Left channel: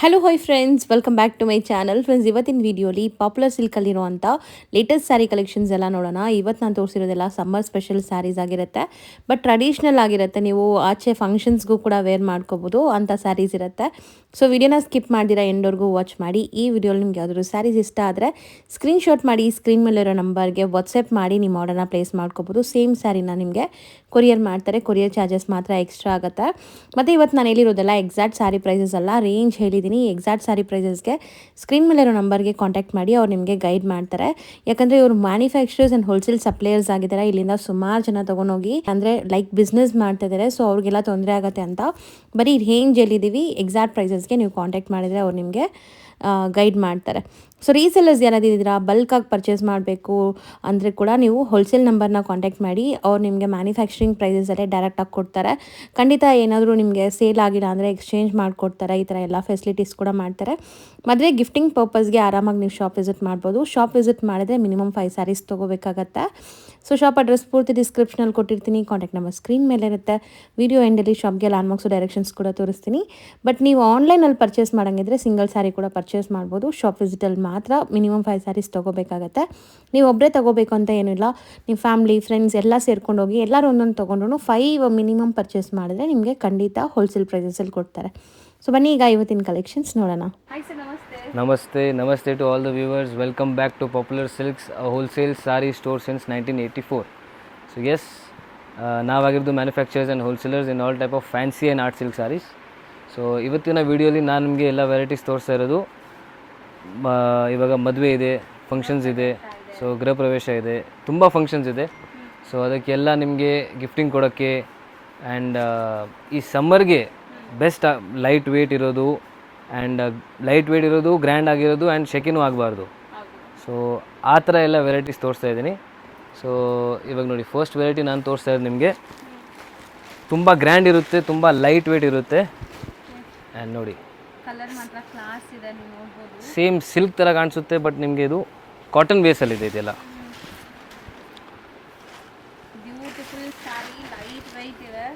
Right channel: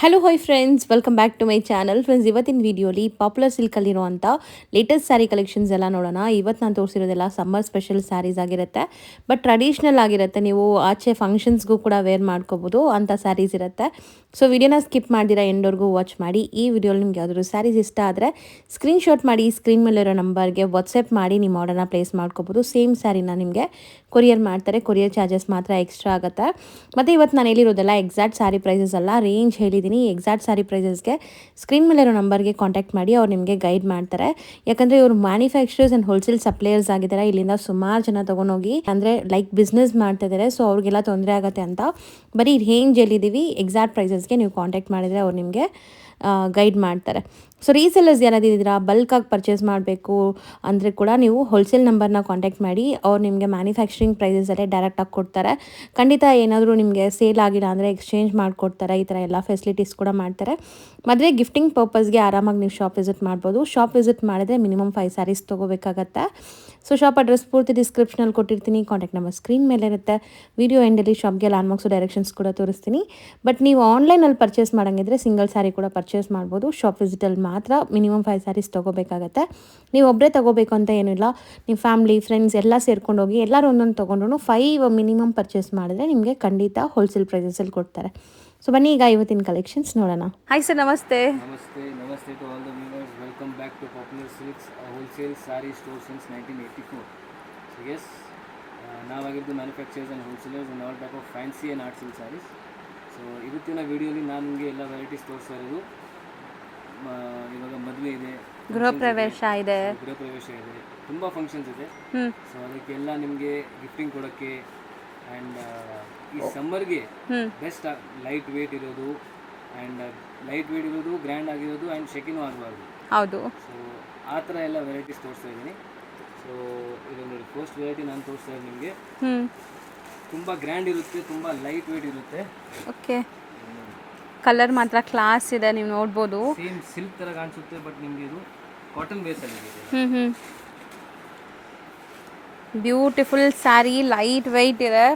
Hello hi friends, welcome back to my channel. Friends, ಇವತ್ತಿನ ವಿಡಿಯೋಲಿ popular ಸಿಲ್ಕಲ್ಲಿರುವಂಥ latest saree collections ಎಲ್ಲ ನೋಡೋಣ. ಇವತ್ತು ನಾನು ತೋರಿಸಿರೋದೆಲ್ಲ ಸಮ್ಮರ್ ಸ್ಪೆಷಲ್ ಸ್ಯಾರೀಸ್ ಆಗಿರುತ್ತೆ, ಬಟ್ ಟ್ರೆಡಿಷ್ನಲ್ ಆಗಿರುತ್ತೆ. ನೀವು ಆಚೆ ಫಂಕ್ಷನ್ಸ್ಗೂ ಕೂಡ ವೇರ್ ಮಾಡ್ಕೋಬೋದು ಅಂಥ ಸ್ಯಾರೀಸ್ ಇರುತ್ತೆ. ಸೊ ವಿಡಿಯೋನ ಸ್ಕಿಪ್ ಮಾಡಿದಿರ ಎಂಡ್ವರೆಗೂ ವಾಚ್ ಮಾಡಿ. ಈ ವಿಡಿಯೋಲಿ ನಿಮ್ಗೆ ಯಾವ್ದಾದ್ರು ಸ್ಯಾರೀಸ್ ಇಷ್ಟ ಆದರೆ ಸ್ಕ್ರೀನ್ಶಾಟ್ ಮಾಡಿ ಸ್ಕ್ರೀನ್ ಮೇಲಿರೋ ನಂಬರ್ಗೆ ವಾಟ್ಸಪ್ ಮಾಡಿ ನಿಮ್ಮ ಆರ್ಡರ್ನ ಪ್ಲೇಸ್ ಮಾಡ್ಕೋಬೋದು. ಸೇಮ್ ಸ್ಯಾರಿನ ನಿಮಗೆ ಕೊರಿಯರ್ ಮಾಡ್ತಾರೆ. ಕೊರಿಯರ್ ಚಾರ್ಜಸ್ ಮಾತ್ರ ಎಕ್ಸ್ಟ್ರಾ ಆಗುತ್ತೆ. ಮತ್ತು ಇವತ್ತು ನಾನು ಹೇಳಿರೋದೆಲ್ಲ ಎಕ್ಸಾಕ್ಟ್ ಸ್ಯಾರಿ ಪ್ರೈಸಸ್ ಅಲ್ಲ, ರೇಂಜ್ ಹೇಳಿದ್ದೀನಿ. ಎಕ್ಸಾಕ್ಟ್ ಸ್ಯಾರಿ ಪ್ರೈಸಸ್ಗೆ ಸ್ಕ್ರೀನ್ ಮೇಲಿರೋ ನಂಬರ್ಗೆ ಕಾಂಟ್ಯಾಕ್ಟ್ ಮಾಡಿ, ಅವ್ರು ನಿಮಗೆ ಗೈಡ್ ಮಾಡ್ತಾರೆ. ಯಾಕಂದರೆ ಇವರು ಮ್ಯಾನುಫ್ಯಾಕ್ಚರರ್ಸ್ ಆ್ಯಂಡ್ ಹೋಲ್ಸೇಲ್ ಸಪ್ಲೈಯರ್ಸ್ ಆಗಿದ್ದಾರೆ. ಇಲ್ಲಿಂದ ಸುಮಾರು ಜನ ತೊಗೊಂಡೋಗಿ ಅಂದರೆ ಲೈಕ್ ಬಿಸ್ನೆಸ್ ಮಾಡ್ತಾ ಇದ್ದಾರೆ. ಸೊ ಅವ್ರಿಗೆಲ್ಲ ತೊಂದರೆ ಆಗುತ್ತೆ ಅಂತ ಬರೀ ರೇಂಜ್ ಹೇಳಿದ್ದೀವಿ. ಎಕ್ಸಾಕ್ಟ್ ಪ್ರೈಸಸ್ಗೆ ನೀವು ಕಾಂಟ್ಯಾಕ್ಟ್ ಮಾಡಿದರೆ ಅವ್ರು ನಿಮಗೆ ಗೈಡ್ ಮಾಡ್ತಾರೆ. ಸೊ ರೀಸೆಲ್ಲರ್ಸ್ ಯಾರಾದಿದ್ದೀರಾ, ಬಲ್ಕಾಗಿ ಪರ್ಚೇಸ್ ಮಾಡಬೇಕು ಅಂದರೆ ಕೂಡ ನೀವು ಹೋಲ್ಸೇಲ್ ನಂಬರ್ನ ಕಾಂಟ್ಯಾಕ್ಟ್ ಮಾಡಿ. ಅವ್ರು ನಿಮಗೆ ಮ್ಯಾನುಫ್ಯಾಕ್ಚರಿಂಗ್ ಪ್ರೈಸಸಲ್ಲೇ ಡೈರೆಕ್ಟಾಗಿ ಕೊಡ್ತಾರೆ. ಖಂಡಿತ ಏನಾದರೂ ನಿಮಗೆ ಸೇಲ್ ಆಗಿಲ್ಲ ಅಂದರೆ ಎಕ್ಸ್ಚೇಂಜ್ ಮಾಡಿಕೊಡ್ತಾರೆ. ಈ ಥರ ಎಲ್ಲ ಫೆಸಿಲಿಟೀಸ್ ಕೂಡ ಮಾಡ್ತಾರೆ. ಮದುವೆ ಗಿಫ್ಟಿಂಗ್ ಪರ್ಪಸ್ಗೆ ಆರಾಮಾಗಿ ನೀವು ಶಾಪ್ ವಿಸಿಟ್ ಮಾಡ್ಬೋದು. ಶಾಪ್ ವಿಸಿಟ್ ಮಾಡಿದ್ರೆ ಮಿನಿಮಮ್ 5 ಸ್ಯಾರೀಸ್ ತೊಗೋಬೇಕಾಗತ್ತೆ. ಸೊ ಶಾಪ್ ಅಡ್ರೆಸ್ ಪೂರ್ತಿ ಡಿಸ್ಕ್ರಿಪ್ಷನಲ್ಲಿ ಕೊಟ್ಟಿರ್ತೀನಿ. ಕಾಂಟ್ಯಾಕ್ಟ್ ನಂಬರ್ ಸ್ಕ್ರೀನ್ ಮೇಲೆ ಇರುತ್ತೆ. ವಿಡಿಯೋ ಎಂಡಲ್ಲಿ ಶಾಪ್ಗೆ ಲ್ಯಾಂಡ್ಮಾರ್ಕ್ಸು ಡೈರೆಕ್ಷನ್ಸ್ ಕೂಡ ತೋರಿಸ್ತೀನಿ. ಬಟ್ ನೀವು ಆನ್ಲೈನಲ್ಲಿ ಪರ್ಚೇಸ್ ಮಾಡೋಂಗಿದ್ರೆ ಸಿಂಗಲ್ ಸ್ಯಾರಿ ಕೂಡ ಪರ್ಚೇಸ್ ಮಾಡ್ಬೋದು. ಶಾಪ್ ವಿಸಿಟಲ್ಲಿ ಮಾತ್ರ ಮಿನಿಮಮ್ 5 ಸ್ಯಾರೀಸ್ ತೊಗೋಬೇಕಾಗತ್ತೆ. ನೀವು ಒಬ್ಬರೇ ತೊಗೋಬೇಕು ಅಂತ ಏನಿಲ್ಲ, ನೀವು ಫ್ಯಾಮ್ಲಿ ಫ್ರೆಂಡ್ಸ್ ಎಲ್ಲ ಸೇರ್ಕೊಂಡು ಹೋಗಿ ಎಲ್ಲರೂ ಒಂದೊಂದು ತೊಗೊಂಡ್ರು 5 ಮಿನಿಮಮ್ ಪರ್ಚೇಸ್ ಮಾಡಿದ್ರೆ ನಿಮಗೆ ಖಂಡಿತ ಹೋಲ್ಸೇಲ್ ಪ್ರೈಸಸಲ್ಲಿ ಕೊಡ್ತಾರೆ. ಸೊ ಬನ್ನಿ ಈಗ ಇವತ್ತಿನ ಕಲೆಕ್ಷನ್ಸ್ ನೋಡೋಣ. ಹಾಯ್ ಸರ್, ನಮಸ್ತೆ. Namaste to all the viewers. Welcome back to Popular Silks, a wholesale saree store since 1984. So yes, ನಾವಾಗಿದ್ದು manufacturers and wholesalers in all type of fancy and art silk sarees. So ಇವತ್ತಿನ ವೀಡಿಯೋಲಿ ನಾನು ನಿಮಗೆ ಎಲ್ಲ varieties ತೋರಿಸ್ತಾ ಇರೋದು. ಇವಾಗ ಮದುವೆ ಇದೆ, ಫಂಕ್ಷನ್ಸ್ ಇದೆ, ಸೊ ಗೃಹ ಪ್ರವೇಶ ಇದೆ, ತುಂಬ ಫಂಕ್ಷನ್ಸ್ ಇದೆ. ಸೊ ಅದಕ್ಕೆಲ್ಲ ನಿಮಗೆ ಗಿಫ್ಟಿಂಗ್ ಕೊಡೋಕ್ಕೆ ಆ್ಯಂಡ್ ಈ ಸಮ್ಮರ್ಗೆ ಬೆಸ್ಟ್ ಲೈಟ್ ವೇಟ್ ಇರೋದು ಗ್ರ್ಯಾಂಡ್ ಆಗಿರೋದು ಆ್ಯಂಡ್ ಶೆಕಿನೂ ಆಗಬಾರ್ದು. ಹೌದು. ಸೊ ಆ ಥರ ಎಲ್ಲ ವೆರೈಟೀಸ್ ತೋರಿಸ್ತಾ ಇದ್ದೀನಿ. ಸೊ ಇವಾಗ ನೋಡಿ, ಫಸ್ಟ್ ವೆರೈಟಿ ನಾನು ತೋರಿಸ್ತಾ ಇದ್ದೀನಿ ನಿಮಗೆ. ತುಂಬ ಗ್ರ್ಯಾಂಡ್ ಇರುತ್ತೆ, ತುಂಬ ಲೈಟ್ ವೇಟ್ ಇರುತ್ತೆ. ಓಕೆ. ಆ್ಯಂಡ್ ನೋಡಿ, ಕಲರ್ ಮಾತ್ರ ಕ್ಲಾಸ್ ಇದೆ, ನೀವು ನೋಡ್ಬೋದು. ಸೇಮ್ ಸಿಲ್ಕ್ ಥರ ಕಾಣಿಸುತ್ತೆ, ಬಟ್ ನಿಮಗೆ ಇದು ಕಾಟನ್ ಬೇಸಲ್ಲಿದೆ ಇದೆಲ್ಲ. ಬ್ಯೂಟಿಫುಲ್ ಸ್ಯಾರಿ, ಲೈಟ್ ವೆಯ್ಟ್ ಇದೆ.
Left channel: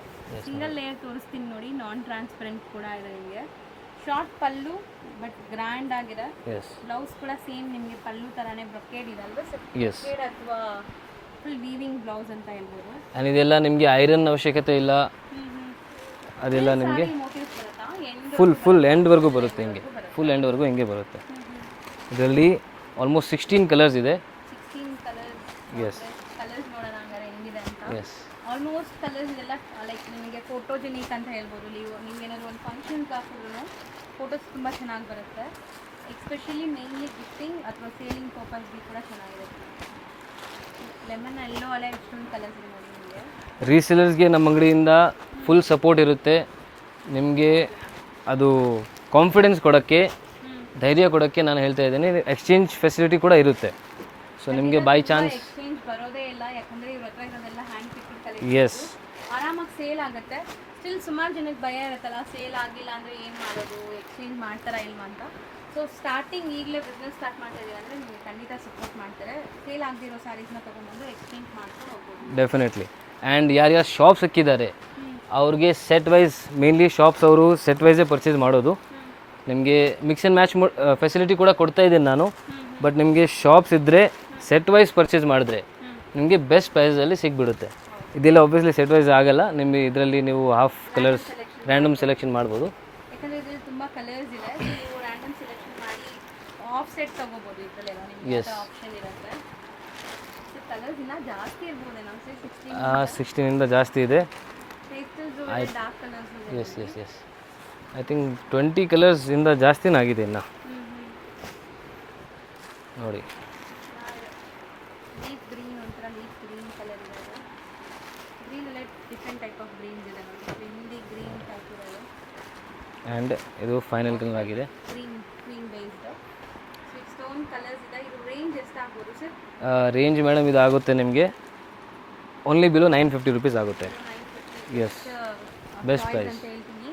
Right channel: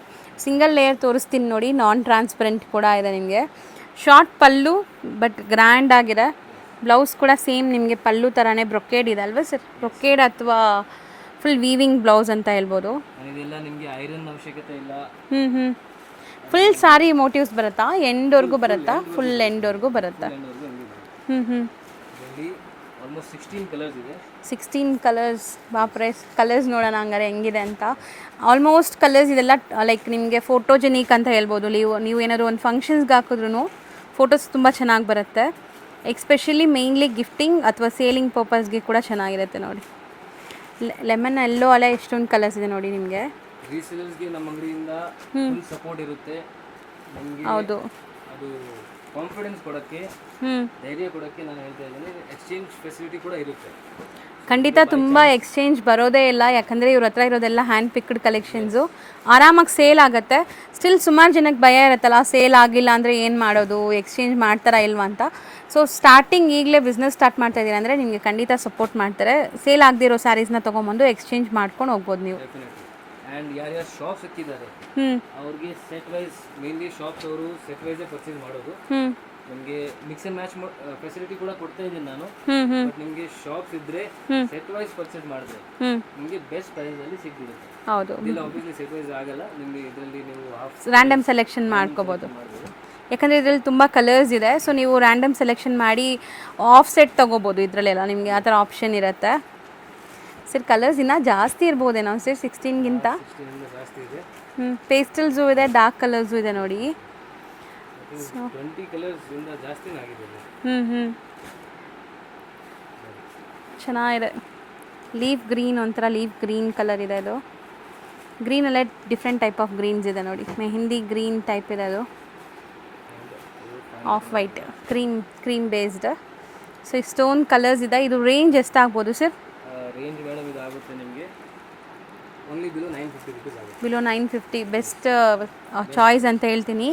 ಸಿಂಗಲ್ ಲೇಯರ್ ತೋರಿಸ್ತೀನಿ ನೋಡಿ, ನಾನ್ ಟ್ರಾನ್ಸ್ಪರೆಂಟ್ ಕೂಡ ಇದೆ ನಿಮಗೆ. ಶಾರ್ಟ್ ಪಲ್ಲು ಬಟ್ ಗ್ರ್ಯಾಂಡ್ ಆಗಿದೆ. ಬ್ಲೌಸ್ ಕೂಡ ಸೇಮ್ ನಿಮಗೆ ಪಲ್ಲು ಥರನೇ ಬ್ರೊಕೇಡ್ ಇದೆ ಅಲ್ವಾ ಸರ್? ಬ್ರೊಕೇಡ್ ಅಥವಾ ಫುಲ್ ವೀವಿಂಗ್ ಬ್ಲೌಸ್ ಅಂತ ಹೇಳ್ಬೋದು. ಇದೆಲ್ಲ ನಿಮಗೆ ಐರನ್ ಅವಶ್ಯಕತೆ ಇಲ್ಲ. ಫುಲ್ ಸಾರಿ ಮೋಟಿವ್ಸ್ ಬರುತ್ತಾ? ಎಂಡ್ವರೆಗೂ ಬರುತ್ತೆ, ಫುಲ್ ಎಂಡ್ವರೆಗೂ ಹಿಂಗೆ ಬರುತ್ತೆ. ಇದರಲ್ಲಿ ಆಲ್ಮೋಸ್ಟ್ 16 ಕಲರ್ಸ್ ಇದೆ. 16 ಕಲರ್ಸ್. ಬಾಪ್ರೆ, ಕಲರ್ಸ್ ನೋಡೋಣ ಹಂಗಾರೆ ಹೆಂಗಿದೆ ಅಂತ. ಆಲ್ಮೋಸ್ಟ್ ಕಲರ್ಸ್ ಇದೆಲ್ಲ ಲೈಕ್ ನಿಮಗೆ ಫೋಟೋಜೆನಿಕ್ ಅಂತ ಹೇಳ್ಬೋದು. ನೀವು ಏನಾದ್ರು ಒಂದು ಫಂಕ್ಷನ್ಸ್ಗೆ ಹಾಕಿದ್ರೂ ಫೋಟೋಸ್ ತುಂಬ ಚೆನ್ನಾಗಿ ಬರುತ್ತೆ. ಎಕ್ಸ್ಪೆಷಲಿ ಮೇಯ್ನ್ಲಿ ಗಿಫ್ಟಿಂಗ್ ಅಥವಾ ಸೇಲಿಂಗ್ ಪರ್ಪಸ್ಗೆ ಕೂಡ ಚೆನ್ನಾಗಿರುತ್ತೆ ನೋಡಿ. ಲೆಮನ್ ಎಲ್ಲೋ ಅಲ್ಲ, ಎಷ್ಟೊಂದು ಕಲರ್ಸ್ ಇದೆ ನೋಡಿ ನಿಮಗೆ. ರೀಸೇಲರ್ಸ್ಗೆ ನಮ್ಮ ಅಂಗಡಿಯಿಂದ ಫುಲ್ ಸಪೋರ್ಟ್ ಇರುತ್ತೆ ನಿಮಗೆ. ಅದು ಕಾನ್ಫಿಡೆನ್ಸ್ ಕೊಡೋಕ್ಕೆ, ಧೈರ್ಯ ಕೊಡೋಕ್ಕೆ ನಾನು ಹೇಳ್ತಾ ಇದ್ದೀನಿ. ಎಕ್ಸ್ಚೇಂಜ್ ಫೆಸಿಲಿಟಿ ಕೂಡ ಇರುತ್ತೆ. ಖಂಡಿತ ತುಂಬ ಎಕ್ಸ್ಚೇಂಜ್ ಬರೋದೇ ಇಲ್ಲ, ಯಾಕಂದರೆ ಇವ್ರ ಹತ್ರ ಇರೋದೆಲ್ಲ ಹ್ಯಾಂಡ್ ಪಿಕ್ಡ್ ಕಲೆಕ್ಷನ್ಸು. ಆರಾಮಾಗಿ ಸೇಲ್ ಆಗುತ್ತೆ. ಸ್ಟಿಲ್ ಸುಮಾರು ಜನಕ್ಕೆ ಭಯ ಇರುತ್ತಲ್ಲ, ಸೇಲ್ ಆಗಿಲ್ಲ ಅಂದರೆ ಏನು ಮಾಡೋದು, ಎಕ್ಸ್ಚೇಂಜ್ ಮಾಡ್ತಾರಾ ಇಲ್ವಾ ಅಂತ. ಸೊ ಸ್ಟಾರ್ಟಿಂಗ್ ಈಗಲೇ ಬಿಸ್ನೆಸ್ ಸ್ಟಾರ್ಟ್ ಮಾಡ್ತಾ ಇದ್ದೀರಾ ಅಂದರೆ ನಿಮಗೆ ಖಂಡಿತ ಸಪೋರ್ಟ್ ಮಾಡ್ತಾರೆ. ಸೇಲ್ ಆಗದಿರೋ ಸ್ಯಾರೀಸ್ನ ತೊಗೊಂಬಂದು ಎಕ್ಸ್ಚೇಂಜ್ ಮಾಡ್ಕೊಂಡು ಹೋಗ್ಬೋದು ನೀವು. ಡೆಫಿನೆಟ್ಲಿ. ಆ್ಯಂಡ್ ಯಾರ್ಯಾರು ಶಾಪ್ಸ್ ಸಿಕ್ಕಿದ್ದಾರೆ ಅವ್ರಿಗೆ ಸೆಟ್ ವೈಸ್, ಮೇನ್ಲಿ ಶಾಪ್ಸ್ ಅವರು ಸೆಟ್ ವೈಸೇ ಪರ್ಚೇಸ್ ಮಾಡೋದು. ನಿಮಗೆ ಮಿಕ್ಸ್ ಆ್ಯಂಡ್ ಮ್ಯಾಚ್ ಫೆಸಿಲಿಟಿ ಕೂಡ ಕೊಡ್ತಾ ಇದ್ದೀನಿ ನಾನು. ಬಟ್ ನಿಮಗೆ ಶಾಪ್ಸ್ ಇದ್ದರೆ ಸೆಟ್ ವೈಸ್ ಪರ್ಚೇಸ್ ಮಾಡಿದ್ರೆ ನಿಮಗೆ ಬೆಸ್ಟ್ ಪ್ರೈಸಲ್ಲಿ ಸಿಗ್ಬಿಡುತ್ತೆ. ಇದೆಲ್ಲ ಒಬ್ವಿಯಸ್ಲಿ ಸೆಟ್ ವೈಸ್ ಆಗಲ್ಲ. ನಿಮಗೆ ಇದರಲ್ಲಿ ನೀವು ರ್ಯಾಂಡಮ್ ಸೆಲೆಕ್ಷನ್ ಮಾಡ್ಬೋದು. ಯಾಕಂದರೆ ಇದರಲ್ಲಿ ತುಂಬ ಕಲರ್ಸ್ ಇದೆ. ಸೊ ನೀವು ರ್ಯಾಂಡಮ್ ಸೆಲೆಕ್ಷನ್ ಮಾಡಿ ಆಫ್ ಸೆಟ್ ತೊಗೋಬೋದು. ಇದರಲ್ಲೆಲ್ಲ ನಿಮಗೆ ಆ ಥರ ಆಪ್ಷನ್ ಇರುತ್ತೆ. ಸರ್ ಕಲರ್ಸ್ ಇನ್ನೂ ಜಾಸ್ತಿ ಇರ್ಬೋದೇನೋ ಸರ್? 16 ಜಾಸ್ತಿ ಇದೆ. ಪೇಸ್ಟಲ್ಸು ಇದೆ, ಡಾರ್ಕ್ ಕಲರ್ಸು ಇದೆ ನೋಡಿ. ಐ ಥಿಂಕ್ 20 ಕಲರ್ಸ್ ಇಂದ ಜಾಸ್ತಿನೇ ಆಗಿದೆ ಇನ್ನು. ನೋಡಿ, ಚೆನ್ನಾಗಿದೆ. ಲೀಫ್ ಗ್ರೀನ್, ಒಂಥರ ಲೀಫ್ ಗ್ರೀನ್ ಕಲರ್ ಇದೆ. ಅದು ಗ್ರೀನಲ್ಲೇ ಡಿಫ್ರೆಂಟ್ ಟೈಪ್ ಆಫ್ ಗ್ರೀನ್ಸ್ ಇದೆ ನೋಡಿ. ಮೆಹಂದಿ ಗ್ರೀನ್ ಟೈಪ್ ಇದೆ ಅದು. ಆ್ಯಂಡ್ ಇದು ಫೈನಲ್ ಆಗಿದೆ, ಕ್ರೀಮ್ ಬೇಸ್ಡ್. ಸೊ ಈ ಸ್ಟೋನ್ ಕಲರ್ಸ್ ಇದೆ. ಇದು ರೇಂಜ್ ಎಷ್ಟಾಗ್ಬೋದು ಸರ್? ರೇಂಜ್ ಮೇಡಮ್ ಇದು ಆಗುತ್ತೆ ನಿಮಗೆ ಓನ್ಲಿ ಬಿಲೋ 950 ರುಪೀಸ್ ಆಗುತ್ತೆ. ಬಿಲೋ 950 ಬೆಸ್ಟ್ ಚಾಯ್ಸ್ ಅಂತ ಹೇಳ್ತೀನಿ.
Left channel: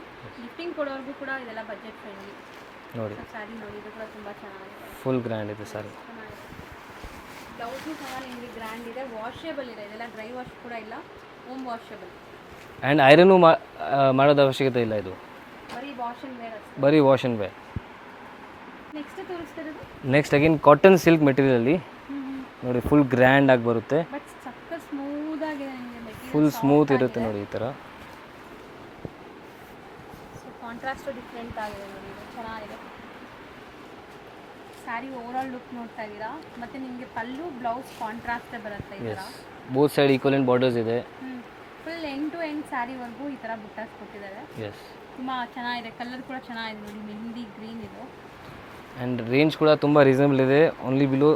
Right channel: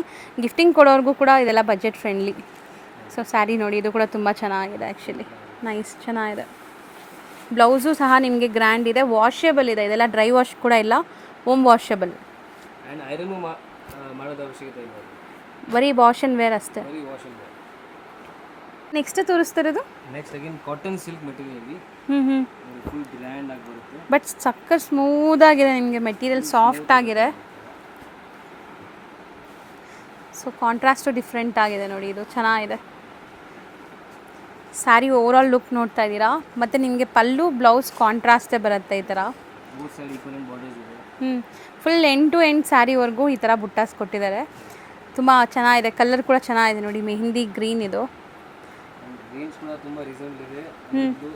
ಗಿಫ್ಟಿಂಗ್ ಕೊಡೋರ್ಗೂ ಕೂಡ ಇದೆಲ್ಲ ಬಜೆಟ್ ಫ್ರೆಂಡ್ಲಿ. ಸೊ ಸ್ಯಾರಿ ನೋಡಿ, ಇದು ಕೂಡ ತುಂಬ ಚೆನ್ನಾಗಿದೆ. ಆ್ಯಕ್ಚುಲಿ ನೈಸ್, ಚೆನ್ನಾಗಿದೆ. ಬ್ಲೌಸು ಸಹ ನಿಮಗೆ ಗ್ರ್ಯಾಂಡ್ ಇದೆ, ವಾಷೇಬಲ್ ಇದೆ. ಇದೆಲ್ಲ ಡ್ರೈ ವಾಶ್ ಕೂಡ ಇಲ್ಲ, ಹೋಮ್ ವಾಷೇಬಲ್. ಆ್ಯಂಡ್ ಐರನ್ನು ಮಾಡೋದು ಅವಶ್ಯಕತೆ ಇಲ್ಲ. ಇದು ಬರೀ ವಾಶ್ ಆ್ಯಂಡ್ ವೇರ್ ಅಷ್ಟೇ. ಬರೀ ವಾಶ್ ಆ್ಯಂಡ್ ವೇರ್. ನೆಕ್ಸ್ಟ್ ತೋರಿಸ್ತಿರೋದು ನೆಕ್ಸ್ಟ್ ಅಗೇನ್ ಕಾಟನ್ ಸಿಲ್ಕ್ ಮೆಟೀರಿಯಲಲ್ಲಿ ಹ್ಞೂ ನೋಡಿ ಫುಲ್ ಗ್ರ್ಯಾಂಡ್ ಆಗಿ ಬರುತ್ತೆ. ಬಟ್ ಸಕ್ಕ ಸ್ಮೂತ್ ಆಗಿದೆ ನಿಮಗೆ, ಮೆಟೀರಿಯಲ್ ಫುಲ್ ಸಾಫ್ಟ್ ಸ್ಮೂತ್ ಆಗಿದೆ. ಈ ಥರ. ಸೊ ಕಾಂಟ್ರಾಸ್ಟು ಡಿಫ್ರೆಂಟ್ ಆಗಿದೆ ನೋಡಿ, ಇದು ಚೆನ್ನಾಗಿದೆ. ಸ್ಯಾರಿ ಓವರಾಲ್ ಲುಕ್ ನೋಡ್ತಾ ಇದ್ದೀರಾ. ಮತ್ತು ನಿಮಗೆ ಪಲ್ಲು ಬ್ಲೌಸ್ ಕಾಂಟ್ರಾಸ್ಟೇ ಬರುತ್ತೆ ಈ ಥರ. ಬೋತ್ ಸೈಡ್ ಈಕ್ವಲೆಂಟ್ ಬಾರ್ಡರ್ಸ್ ಇದೆ. ಫುಲ್ ಎಂಡ್ ಟು ಎಂಡ್ ಸ್ಯಾರಿವರೆಗೂ ಈ ಥರ ಬುಟ್ಟಾಸ್ ಕೊಟ್ಟಿದ್ದಾರೆ. ತುಂಬ ಚೆನ್ನಾಗಿದೆ, ಕಲರ್ ಕೂಡ ಚೆನ್ನಾಗಿದೆ ನೋಡಿ, ಮೆಹಂದಿ ಗ್ರೀನ್ ಇದು. ಆ್ಯಂಡ್ ರೇಂಜ್ ಕೂಡ ತುಂಬ ರೀಸನಬಲ್ ಇದೆ. ಓನ್ಲಿ ಬಿಲೋ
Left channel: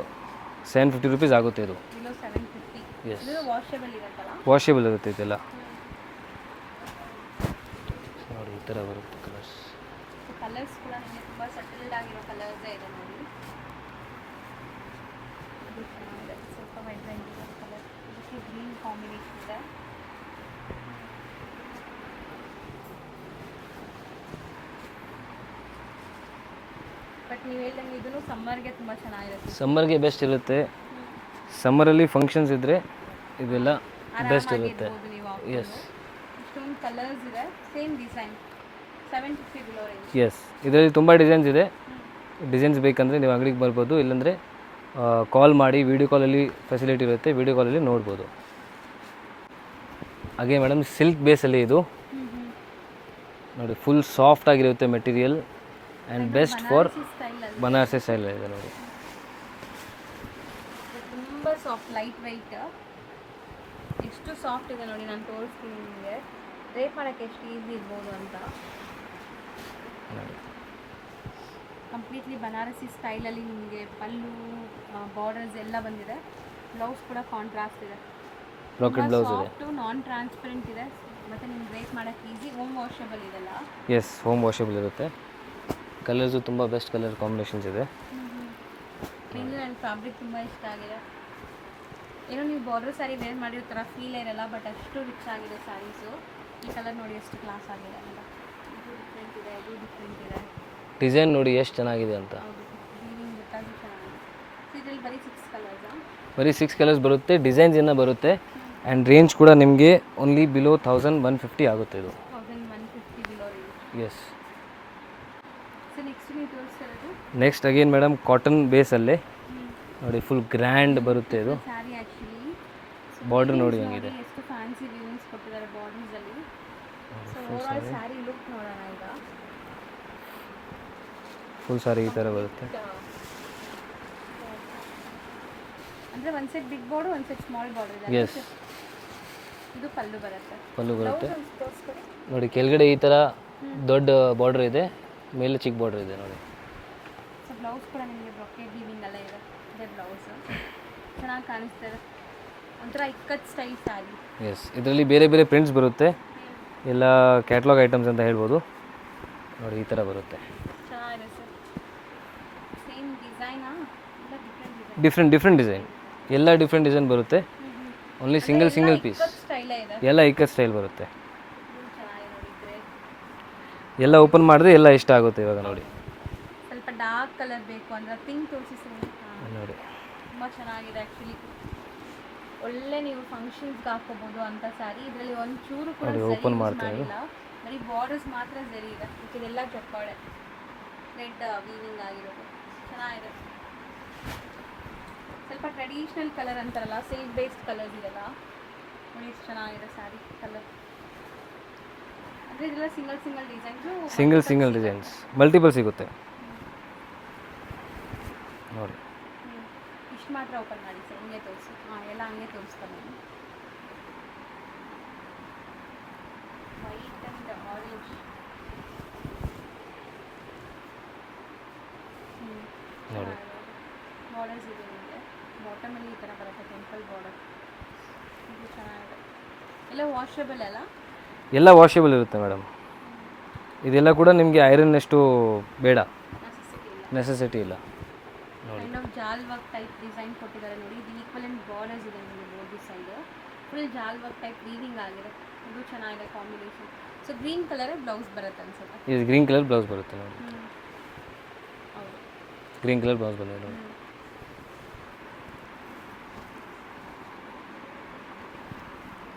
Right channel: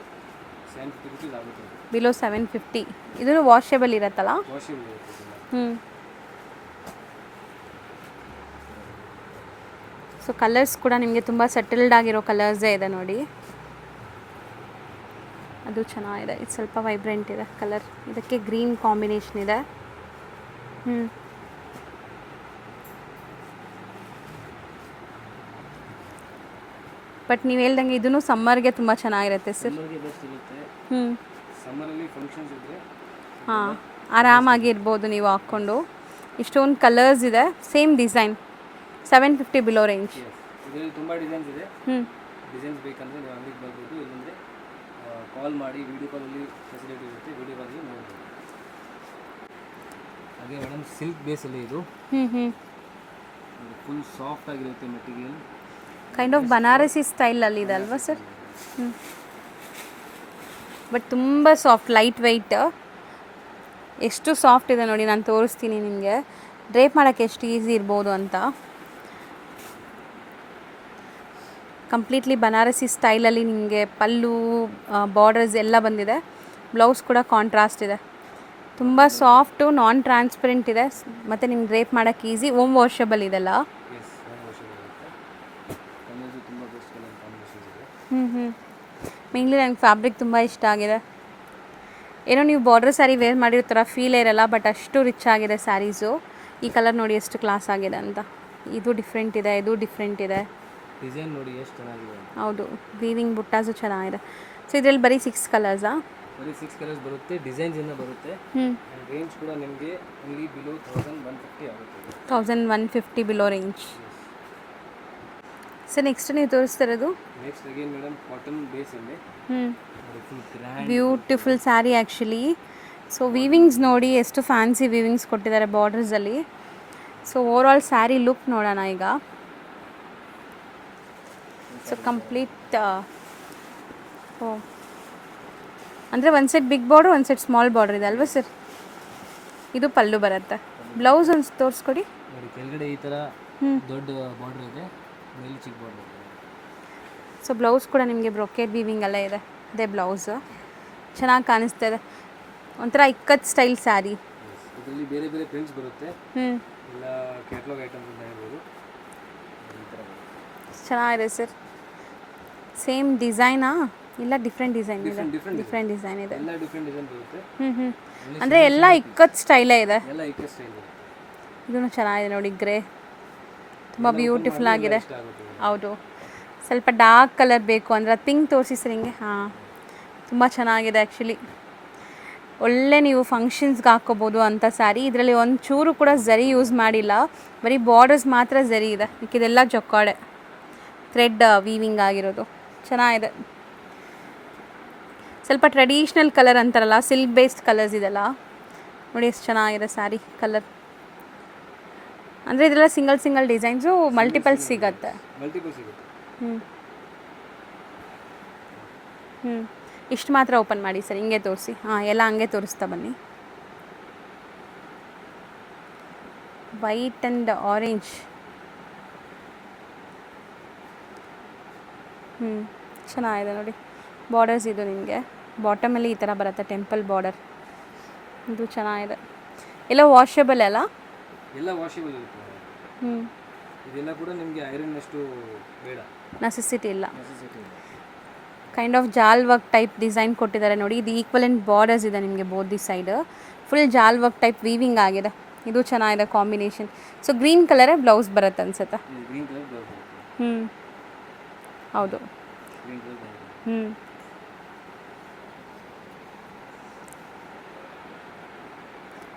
750 rupees ಆಗುತ್ತೆ ಇದು. ಬಿಲೋ 750. ಇದು ವಾಷೇಬಲ್ ಇರುತ್ತಲ್ಲ? ವಾಷೇಬಲ್ ಇರುತ್ತೆ ಇದೆಲ್ಲ. ಸೊ ಕಲರ್ಸ್ ಕೂಡ ನಿಮಗೆ ತುಂಬ ಸೆಟಲ್ಡ್ ಆಗಿರೋ ಕಲರ್ಸೇ ಇದೆ ನೋಡಿ. ಅದು ಚೆನ್ನಾಗಿದೆ, ಇದು ಸ್ವಲ್ಪ ವೈಬ್ರೆಂಟ್ ಇದೆ ಕಲರ್, ಇದಕ್ಕೆ ಗ್ರೀನ್ ಕಾಂಬಿನೇಷನ್ ಇದೆ. ಬಟ್ ನೀವು ಹೇಳ್ದಂಗೆ ಇದೂ ಸಮ್ಮರ್ಗೆ ತುಂಬ ಚೆನ್ನಾಗಿರುತ್ತೆ. ಸಮ್ಮರ್ಗೆ ಬೆಸ್ಟ್ ಇರುತ್ತೆ. ಸಮ್ಮರಲ್ಲಿ ಫಂಕ್ಷನ್ಸ್ ಇದ್ದರೆ ಇದೆಲ್ಲ ಆರಾಮಾಗಿರ್ಬೋದು ನೀವು ಹಾಕ್ಕೊಂಡು. ಇಷ್ಟೊಂದು ಕಲರ್ಸ್ ಇದೆ, same design. 750 below range. Yes, ಇದರಲ್ಲಿ ತುಂಬ ಡಿಸೈನ್ಸ್ ಇದೆ. ಡಿಸೈನ್ಸ್ ಬೇಕಂದರೆ ನೀವು ಅಂಗಡಿಗೆ ಬರ್ಬೋದು, ಇಲ್ಲಾಂದರೆ ಕಾಲ್ ಮಾಡಿ, ವೀಡಿಯೋ ಕಾಲಲ್ಲಿ ಫೆಸಿಲಿಟಿ ಇರುತ್ತೆ, ವೀಡಿಯೋ ಕಾಲಲ್ಲಿ ನೋಡ್ಬೋದು. ಹಾಗೆ ಮೇಡಮ್ ಸಿಲ್ಕ್ ಬೇಸಲ್ಲಿ ಇದು ನೋಡಿ ಫುಲ್ ಸಾಫ್ಟ್ ಆಗಿರುತ್ತೆ ಮೆಟೀರಿಯಲ್. ಕೈಂಡ್ ಆಫ್ ಬನಾರಸಿ ಸ್ಟೈಲಲ್ಲಿ ಇದೆ. ಬನಾರಸಿ ಸ್ಟೈಲ್ ಇದೆ ನೋಡಿ. ಬಟ್ ತುಂಬ ಸಾಫ್ಟ್, ಲೈಟ್ ವೆಯ್ಟ್. ಎಷ್ಟು ಸಾಫ್ಟ್ ಇದೆ ನೋಡಿ, ನಾನು ತೋರಿಸ್ತೀನಿ ನಿಮಗೆ. ಡ್ರೇಪ್ ಮಾಡೋಕ್ಕೆ ಎಷ್ಟು ಈಸಿ ಇರ್ಬೋದು ಅಂತ. ಕಂಪ್ಲೀಟ್ಲಿ ಬನಾರಸಿ ಸ್ಟೈಲಲ್ಲಿ ನಿಮಗೆ ಪಲ್ಲು ಬಾರ್ಡರ್ಸ್ ಎಲ್ಲ ಬಂದಿದೆ. ಬ್ಲೌಸ್ ಕೂಡ ಕಾಂಟ್ರಾಸ್ಟ್ ಇದೆ. ತುಂಬ ಸಾಫ್ಟು, ನಾನ್ ಟ್ರಾನ್ಸ್ಪರೆಂಟ್ ಇದೆ, ಮತ್ತು ನಿಮ್ಗೆ ಡ್ರೇಪ್ ಮಾಡೋಕ್ಕೆ ಈಸಿ. ಹೋಮ್ ವಾಷಬಲ್ ಇದೆಲ್ಲ. ಎಸ್, ಹೋಮ್ ವಾಷಬಲ್ ಇರುತ್ತೆ. ಕಲರ್ಸು ತುಂಬ ಬೆಸ್ಟ್ ಕಲರ್ ಕಾಂಬಿನೇಷನ್ಸ್ ಇದೆ. ಮೇನ್ಲಿ ನನಗೆ ಫ್ಯಾಬ್ರಿಕ್ ತುಂಬ ಇಷ್ಟ ಆಗಿದೆ. ಏನೋ ನೀವು ಬಾರ್ಡರ್ ಸ್ಯಾರಿ ವೇರ್ ಮಾಡಿರೋ ಥರ ಫೀಲ್ ಇರಲ್ಲ, ಬಟ್ ಅಷ್ಟು ರಿಚ್ ಆಗಿದೆ ಸ್ಯಾರೀಸು. ಈ ಕಲರ್ ನೋಡಿ ಎಷ್ಟು ಕ್ಲಾಸ್ ಆಗಿದೆ ಅಂತ. ಇದು ಡಿಫ್ರೆಂಟ್ ಇದೆ, ಇದು ಡಿಫ್ರೆಂಟ್ ಇದೆ. ಡಿಸೈನ್ ನೋಡಿ ಎಷ್ಟು ಚೆನ್ನಾಗಿದೆ ಅಂತ. ಹೌದು, ವೀವಿಂಗ್ ಬುಟ್ಟಾಸು ಚೆನ್ನಾಗಿದೆ. ಸೊ ಇದರಲ್ಲಿ ಬರೀ 6 ಕಲರ್ಸಾ? ಬರೀ 6 ಕಲರ್ಸ್ ಬರುತ್ತೆ, ಡಿಸೈನ್ಸ್ ಇನ್ನೂ ಬರುತ್ತೆ. ಆ್ಯಂಡ್ ರೇಂಜ್ ಕೂಡ ನಿಮಗೆ ಓನ್ಲಿ ಬಿಲೋ 1150 ಆಗುತ್ತೆ ಇದು. 1150 below range. Yes. So next ನೀವು ತೋರಿಸ್ತಿರೋದು ನೆಕ್ಸ್ಟ್ ಅಗೇನ್ ಮೇಡಮ್ ಕಾಟನ್ ಬೇಸಲ್ಲೇ ನೋಡಿ ಫುಲ್ ಗ್ರ್ಯಾಂಡ್ ಬರುತ್ತೆ. Beautiful sari actually. So weavings ನೋಡಿ ಎಷ್ಟು ಫ್ಯಾನ್ಸಿ ವೀವಿಂಗ್ಸ್ ಕೊಟ್ಟಿದ್ದಾರೆ ಬಾರ್ಡರ್ಸಲ್ಲಿ. So over all sari look ನೋಡೋಣ ಈಗ. ಫುಲ್ ಸ್ಯಾರಿ ಕಂಪ್ಲೀಟ್ ಅಂದರೆ ಒಂದು ಸೆಟ್ ಬಿಗ್ ಬಾರ್ಡರ್, ಒಂದು ಸೆಟ್ ಸ್ಮಾಲ್ ಬಾರ್ಡರ್ ಇದೆ ಅಲ್ವಾ ಸರ್? ಇದು ಪಲ್ಲು ಬರುತ್ತೆ. ಬ್ಲೌಸ್ ಒಂದು ತೋರಿಸ್ಕೊಡಿ ನೋಡಿ. ಕೆಳಗಡೆ ಈ ಥರ ದೊಡ್ಡ ಬಾರ್ಡರ್ ಇದೆ, ಮೇಲೆ ಚಿಕ್ಕ ಬಾರ್ಡರ್ ಇದೆ ನೋಡಿ. ಸೊ ಬ್ಲೌಸ್ ಕೂಡ ನಿಮಗೆ ಬ್ರೊಕೇಡ್ ವೀವಿಂಗ್ ಎಲ್ಲ ಇದೆ. ಇದೇ ಬ್ಲೌಸ್ ಚೆನ್ನಾಗಿ ಕಾಣಿಸ್ತಾ ಇದೆ, ಒಂಥರ ಇಕ್ಕತ್ ಸ್ಟೈಲ್ ಸ್ಯಾರಿ. ಎಸ್, ಇದರಲ್ಲಿ ಬೇರೆ ಬೇರೆ ಪ್ರಿಂಟ್ಸ್ ಬರುತ್ತೆ, ಎಲ್ಲ ಕ್ಯಾಟ್ಲಾಗ್ ಐಟಮ್ಸ್ ಅಂತ ಹೇಳ್ಬೋದು ನೋಡಿ. ಈ ಥರ ಬರುತ್ತೆ, ಚೆನ್ನಾಗಿದೆ ಸರ್. ಸೇಮ್ ಡಿಸೈನಾ ಇಲ್ಲ ಡಿಫ್ರೆಂಟ್ ಡಿಸೈನ್? ಡಿಫ್ರೆಂಟ್ ಡಿಸೈನ್ ಇದೆ, ಎಲ್ಲ ಡಿಫ್ರೆಂಟ್ ಡಿಸೈನ್ ಬರುತ್ತೆ. ಓನ್ಲಿ ಅಂದರೆ ಎಲ್ಲ ಇಕ್ಕತ್ ಸ್ಟೈಲೇ ಇದೆ. ಎಲ್ಲ ಇಕ್ಕತ್ ಸ್ಟೈಲ್ ಬರುತ್ತೆ. ಇದೂ ಚೆನ್ನಾಗಿದೆ ನೋಡಿ, ಗ್ರೇ. ಎಲ್ಲ ಓಪನ್ ಮಾಡಿದ್ರೆ ಎಲ್ಲ ಇಷ್ಟ ಆಗುತ್ತೆ ಇವಾಗ. ಹೌದು, ಸ್ವಲ್ಪ ಡಾರ್ಕ್ ಕಲರ್ ಬೇಕು ಅಂದರೆ ಪಿಂಕ್ ತೋರಿಸಿ ಸರ್ ಹಿಂಗೆ. ಹಾಂ, ತುಂಬ ಚೆನ್ನಾಗಿದೆ ಆ್ಯಕ್ಚುಲಿ. ಒಳ್ಳೆ ನೀವು ಫಂಕ್ಷನ್ಸ್ಗೆ ಹಾಕ್ಕೋಬೋದು ಅಂಥ ಸ್ಯಾರಿ. ಇದರಲ್ಲಿ ಒಂದು ಚೂರು ಕೂಡ ಝರಿ ಯೂಸ್ ಮಾಡಿಲ್ಲ, ಬರೀ ಬಾರ್ಡರ್ಸ್ ಮಾತ್ರ ಝರಿ ಇದೆ, ಇದೆಲ್ಲ ಜೊಕ್ಕಾಡೆ ಥ್ರೆಡ್ ವೀವಿಂಗ್ ಆಗಿರೋದು. ಚೆನ್ನಾಗಿದೆ, ಸ್ವಲ್ಪ ಟ್ರೆಡಿಷ್ನಲ್ ಕಲರ್ ಅಂತಾರಲ್ಲ, ಸಿಲ್ಕ್ ಬೇಸ್ಡ್ ಕಲರ್ಸ್ ಇದೆಲ್ಲ ನೋಡಿ ಎಷ್ಟು ಚೆನ್ನಾಗಿದೆ ಸ್ಯಾರಿ ಕಲರ್. ಅಂದರೆ ಇದೆಲ್ಲ ಸಿಂಗಲ್ ಡಿಸೈನ್ಸು ಮಲ್ಟಿಪಲ್ ಸಿಗುತ್ತೆ. ನೋಡಿ. ಇಷ್ಟು ಮಾತ್ರ ಓಪನ್ ಮಾಡಿ ಸರ್, ಹಿಂಗೆ ತೋರಿಸಿ. ಹಾಂ, ಎಲ್ಲ ಹಂಗೆ ತೋರಿಸ್ತಾ ಬನ್ನಿ. White and orange. ಚೆನ್ನಾಗಿದೆ ನೋಡಿ. ಬಾರ್ಡರ್ಸ್ ಇದು ನಿಮಗೆ ಬಾಟಮಲ್ಲಿ ಈ ಥರ ಬರುತ್ತೆ, ಟೆಂಪಲ್ ಬಾರ್ಡರ್. ಇದು ಚೆನ್ನಾಗಿದೆ. ಎಲ್ಲ ವಾಷಬಲ್ ಅಲ್ಲ? ಎಲ್ಲ ವಾಷೇಬಲ್ ಇರುತ್ತೆ ಮೇಡಮ್. ಇದೆಲ್ಲ ಕೂಡ ನಿಮಗೆ ಐರನ್ ಅಷ್ಟು ಬೇಡ, ನೆಸೆಸಿಟಿ ಇಲ್ಲ. ಕೈಂಡ್ ಆಫ್ ಜಾಲ್ ವರ್ಕ್ ಟೈಪ್ ಡಿಸೈನ್ ಕೊಟ್ಟಿದ್ದಾರೆ ನೋಡಿ. ಇದು ಈಕ್ವಲೆಂಟ್ ಬಾರ್ಡರ್ಸ್ ಇದೆ ನಿಮಗೆ ಬೋತ್ ದಿ ಸೈಡ್. ಫುಲ್ ಜಾಲ್ ವರ್ಕ್ ಟೈಪ್ ವೀವಿಂಗ್ ಆಗಿದೆ. ಇದು ಚೆನ್ನಾಗಿದೆ ಕಾಂಬಿನೇಷನ್. ಸೊ ಗ್ರೀನ್ ಕಲರೇ ಬ್ಲೌಸ್ ಬರುತ್ತೆ ಅನ್ಸುತ್ತೆ. ಗ್ರೀನ್ ಕಲರ್ ಬ್ಲೌಸ್ ಬರುತ್ತೆ. ಹೌದು, ಗ್ರೀನ್ ಕಲರ್ ಬ್ಲೌಸ್ ಬರುತ್ತೆ.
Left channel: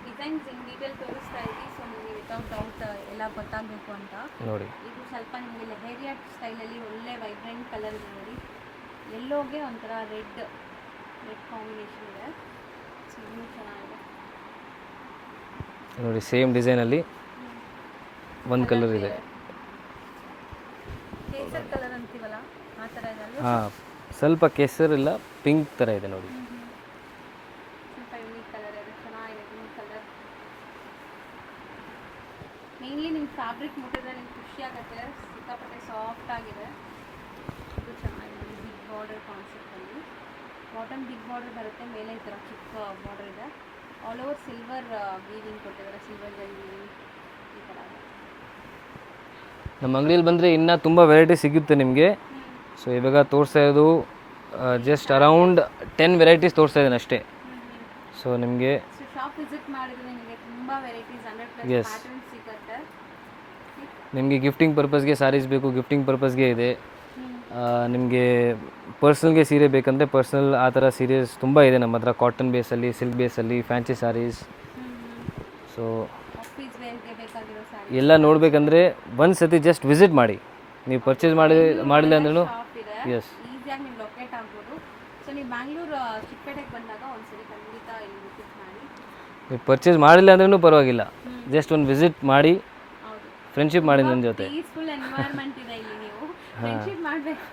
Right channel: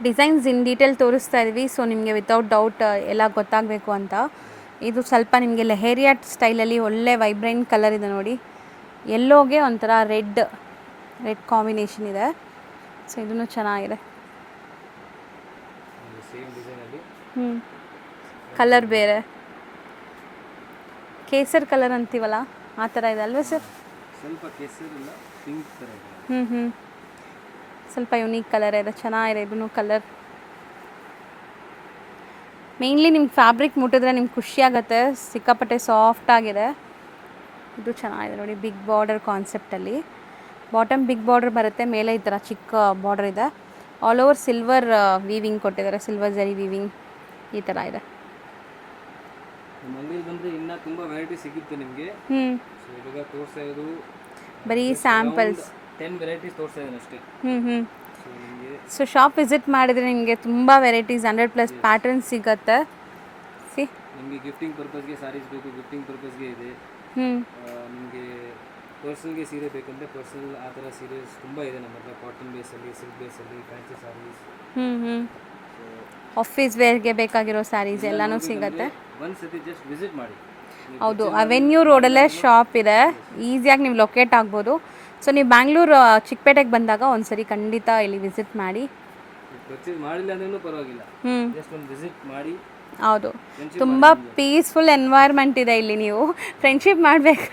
ಡಿಸೈನ್ಸ್ ಇನ್ ಡೀಟೇಲ್ ತೋರಿಸ್ತಾ ಇದ್ವಿ, ಸೊ ನಿಮಗೆ ವಿತೌಟ್ ಡೌಟ್ ಎಲ್ಲ ಗೊತ್ತಾಗಬೇಕು ಅಂತ. ನೋಡಿ ಇದು ಸ್ವಲ್ಪ ನಿಮಗೆ ಲೆಹೇರಿಯಾ ಸ್ಟೈಲಲ್ಲಿ ಒಳ್ಳೆ ವೈಬ್ರೆಂಟ್ ಕಲರ್ ಇದೆ ನೋಡಿ. ಎಲ್ಲೋಗೆ ಒಂಥರ ರೆಡ್ ಕಾಂಬಿನೇಷನ್ ಇದೆ. ಸೊ ಇದನ್ನು ಚೆನ್ನಾಗಿದೆ ನೋಡಿ, ಸೇಮ್ ಡಿಸೈನಲ್ಲಿ ಕಲರ್ ಬೇರೆ, ಕೇಸರ್ ಕಲರ್ ಅಂತೀವಲ್ಲ ಆ ಥರ ಇದೆ ಅಲ್ವಾ ಸರ್? ಸ್ವಲ್ಪ ಕೇಸರ್ ಇಲ್ಲ, ಪಿಂಕ್ ಥರ ಇದೆ ನೋಡಿ. ಸ್ವಲ್ಪ ಯುನೀಕ್ ಕಲರ್ ಇದೆ, ಚೆನ್ನಾಗಿದೆ ಇದನ್ನು ಕಲರ್. ಮೇಯ್ನ್ಲಿ ನಿಮ್ಗೆ ಫ್ಯಾಬ್ರಿಕ್ ಮುಟ್ಟಿದ್ರೆ ನಿಮ್ಗೆ ಖುಷಿ ಆಗುತ್ತೆ, ಸಿಕ್ಕಾಪಟ್ಟೆ ಸಾಫ್ಟ್ ಆಗಿದೆ. ಇದು ಚೆನ್ನಾಗಿದೆ ನೋಡಿ, ಬಿಗ್ ಬಾರ್ಡರ್ ಕಾನ್ಸೆಪ್ಟಲ್ಲಿ. ಬಾಟಮ್ ಬಿಗ್ ಬಾರ್ಡರ್ ಬರುತ್ತೆ, ಮೇಲೆ ಈ ಥರ ಚಿಕ್ಕ ಬಾರ್ಡರ್ ಇದೆ. ಆಲ್ ಓವರ್ ಸಿಲ್ವರ್ ವೀವಿಂಗ್ ಕೊಟ್ಟಿದ್ದಾರೆ, ಸಿಲ್ವರ್ ಜರಿ ವೀವಿಂಗ್ ಈ ಥರ ಇದೆ. ನಮ್ಮ ಅಂಗಡಿಯಲ್ಲಿ ಬಂದರೆ ಇನ್ನೂ ತುಂಬ ವೆರೈಟಿ ಸಿಗುತ್ತೆ ನಿಮಗೆ. ಸೊ ಇವಾಗ ತೋರಿಸ್ತಾ ಇರೋದು ಜಸ್ಟ್ ಅರೌಂಡ್ 10 ವೆರೈಟೀಸ್ ತೋರಿಸ್ತಾ ಇದ್ದೀನಿ ಅಷ್ಟೇ. ಸೊ ನಿಮಗೆ ಶಾಪ್ ವಿಸಿಟ್ ಮಾಡಿದರೆ ನಿಮಗೆ ತುಂಬ ವೆರೈಟೀಸ್ 100+ ಪ್ಯಾಟರ್ನ್ಸ್ ಸಿಗುತ್ತೆ. ನಿಮಗೆ ಗಿಫ್ಟಿಂಗ್ ಪರ್ಪಸ್ಗೆ ಸಾರೀಸ್ ಬೇಕು, ಗಿಫ್ಟಿಂಗ್ ಪರ್ಪಸ್ಗೆ ಇದೆ. ನಿಮಗೆ ಪರ್ಸ್ನಲ್ಗೆ ಸೀರೆ ಬೇಕಂದರೆ ಪರ್ಸ್ನಲ್ ಆ ಥರ ಸೀರೆಸ್ ತುಂಬ ಇದೆ ನಮ್ಮ ಹತ್ರ. ಕಾಟನ್ ಬೇಸಲ್ಲಿ, ಸಿಲ್ಕ್ ಬೇಸಲ್ಲಿ, ಫ್ಯಾನ್ಸಿ ಸಾರೀಸ್. ಸೊ ಆಫೀಸ್ ವೇರ್ಗೆ ಬೇಕಾಗಿರೋ ಸ್ಯಾರೀಸ್ ಎಲ್ಲ ನೋಡಬೇಕಂದ್ರೆ ಒಂದು ಸತಿ ಜಸ್ಟ್ ವಿಸಿಟ್ ಮಾಡಿ. ನೀವು ಪರ್ಚೇಸ್ ಮಾಡಿ ಅವೆನ್ಯೂ ರೋಡಲ್ಲೇ ಶಾಪ್ ಇದೆ, ಈಸಿಯಾಗಿ ನೀವು ಲೊಕೇಟ್ ಆಗ್ಬೋದು. ಸೊ ನೀವು ಬ್ಯಾಂಗ್ಳೂರು ಚಿಕ್ಕಪೇಟೆಗೆ ಬಂದಾಗ ಒಂದ್ಸರಿ ಖಂಡಿತ ಇಲ್ಲಿ ವಿಸಿಟ್ ಮಾಡಿ. ನೀವು ಪರ್ಚೇಸ್ ಮಾಡಿಲ್ಲ ಅಂದ್ರೂ ಪರವಾಗಿಲ್ಲ, ಜಸ್ಟ್ ಒಂದು ವಿಸಿಟ್ ಮಾಡಿ. ಹೌದು, ಫ್ರೆಂಡ್ಶಿಪ್ ಮಾಡಿ. ತುಂಬ ಪೀಸ್ಫುಲ್ ಎನ್ವೈರ್ಮೆಂಟ್ ಇದೆ ಇಲ್ಲಿ, ನೀವು ಫ್ರೆಂಡ್ಶಿಪ್ ಮಾಡಬೇಕು.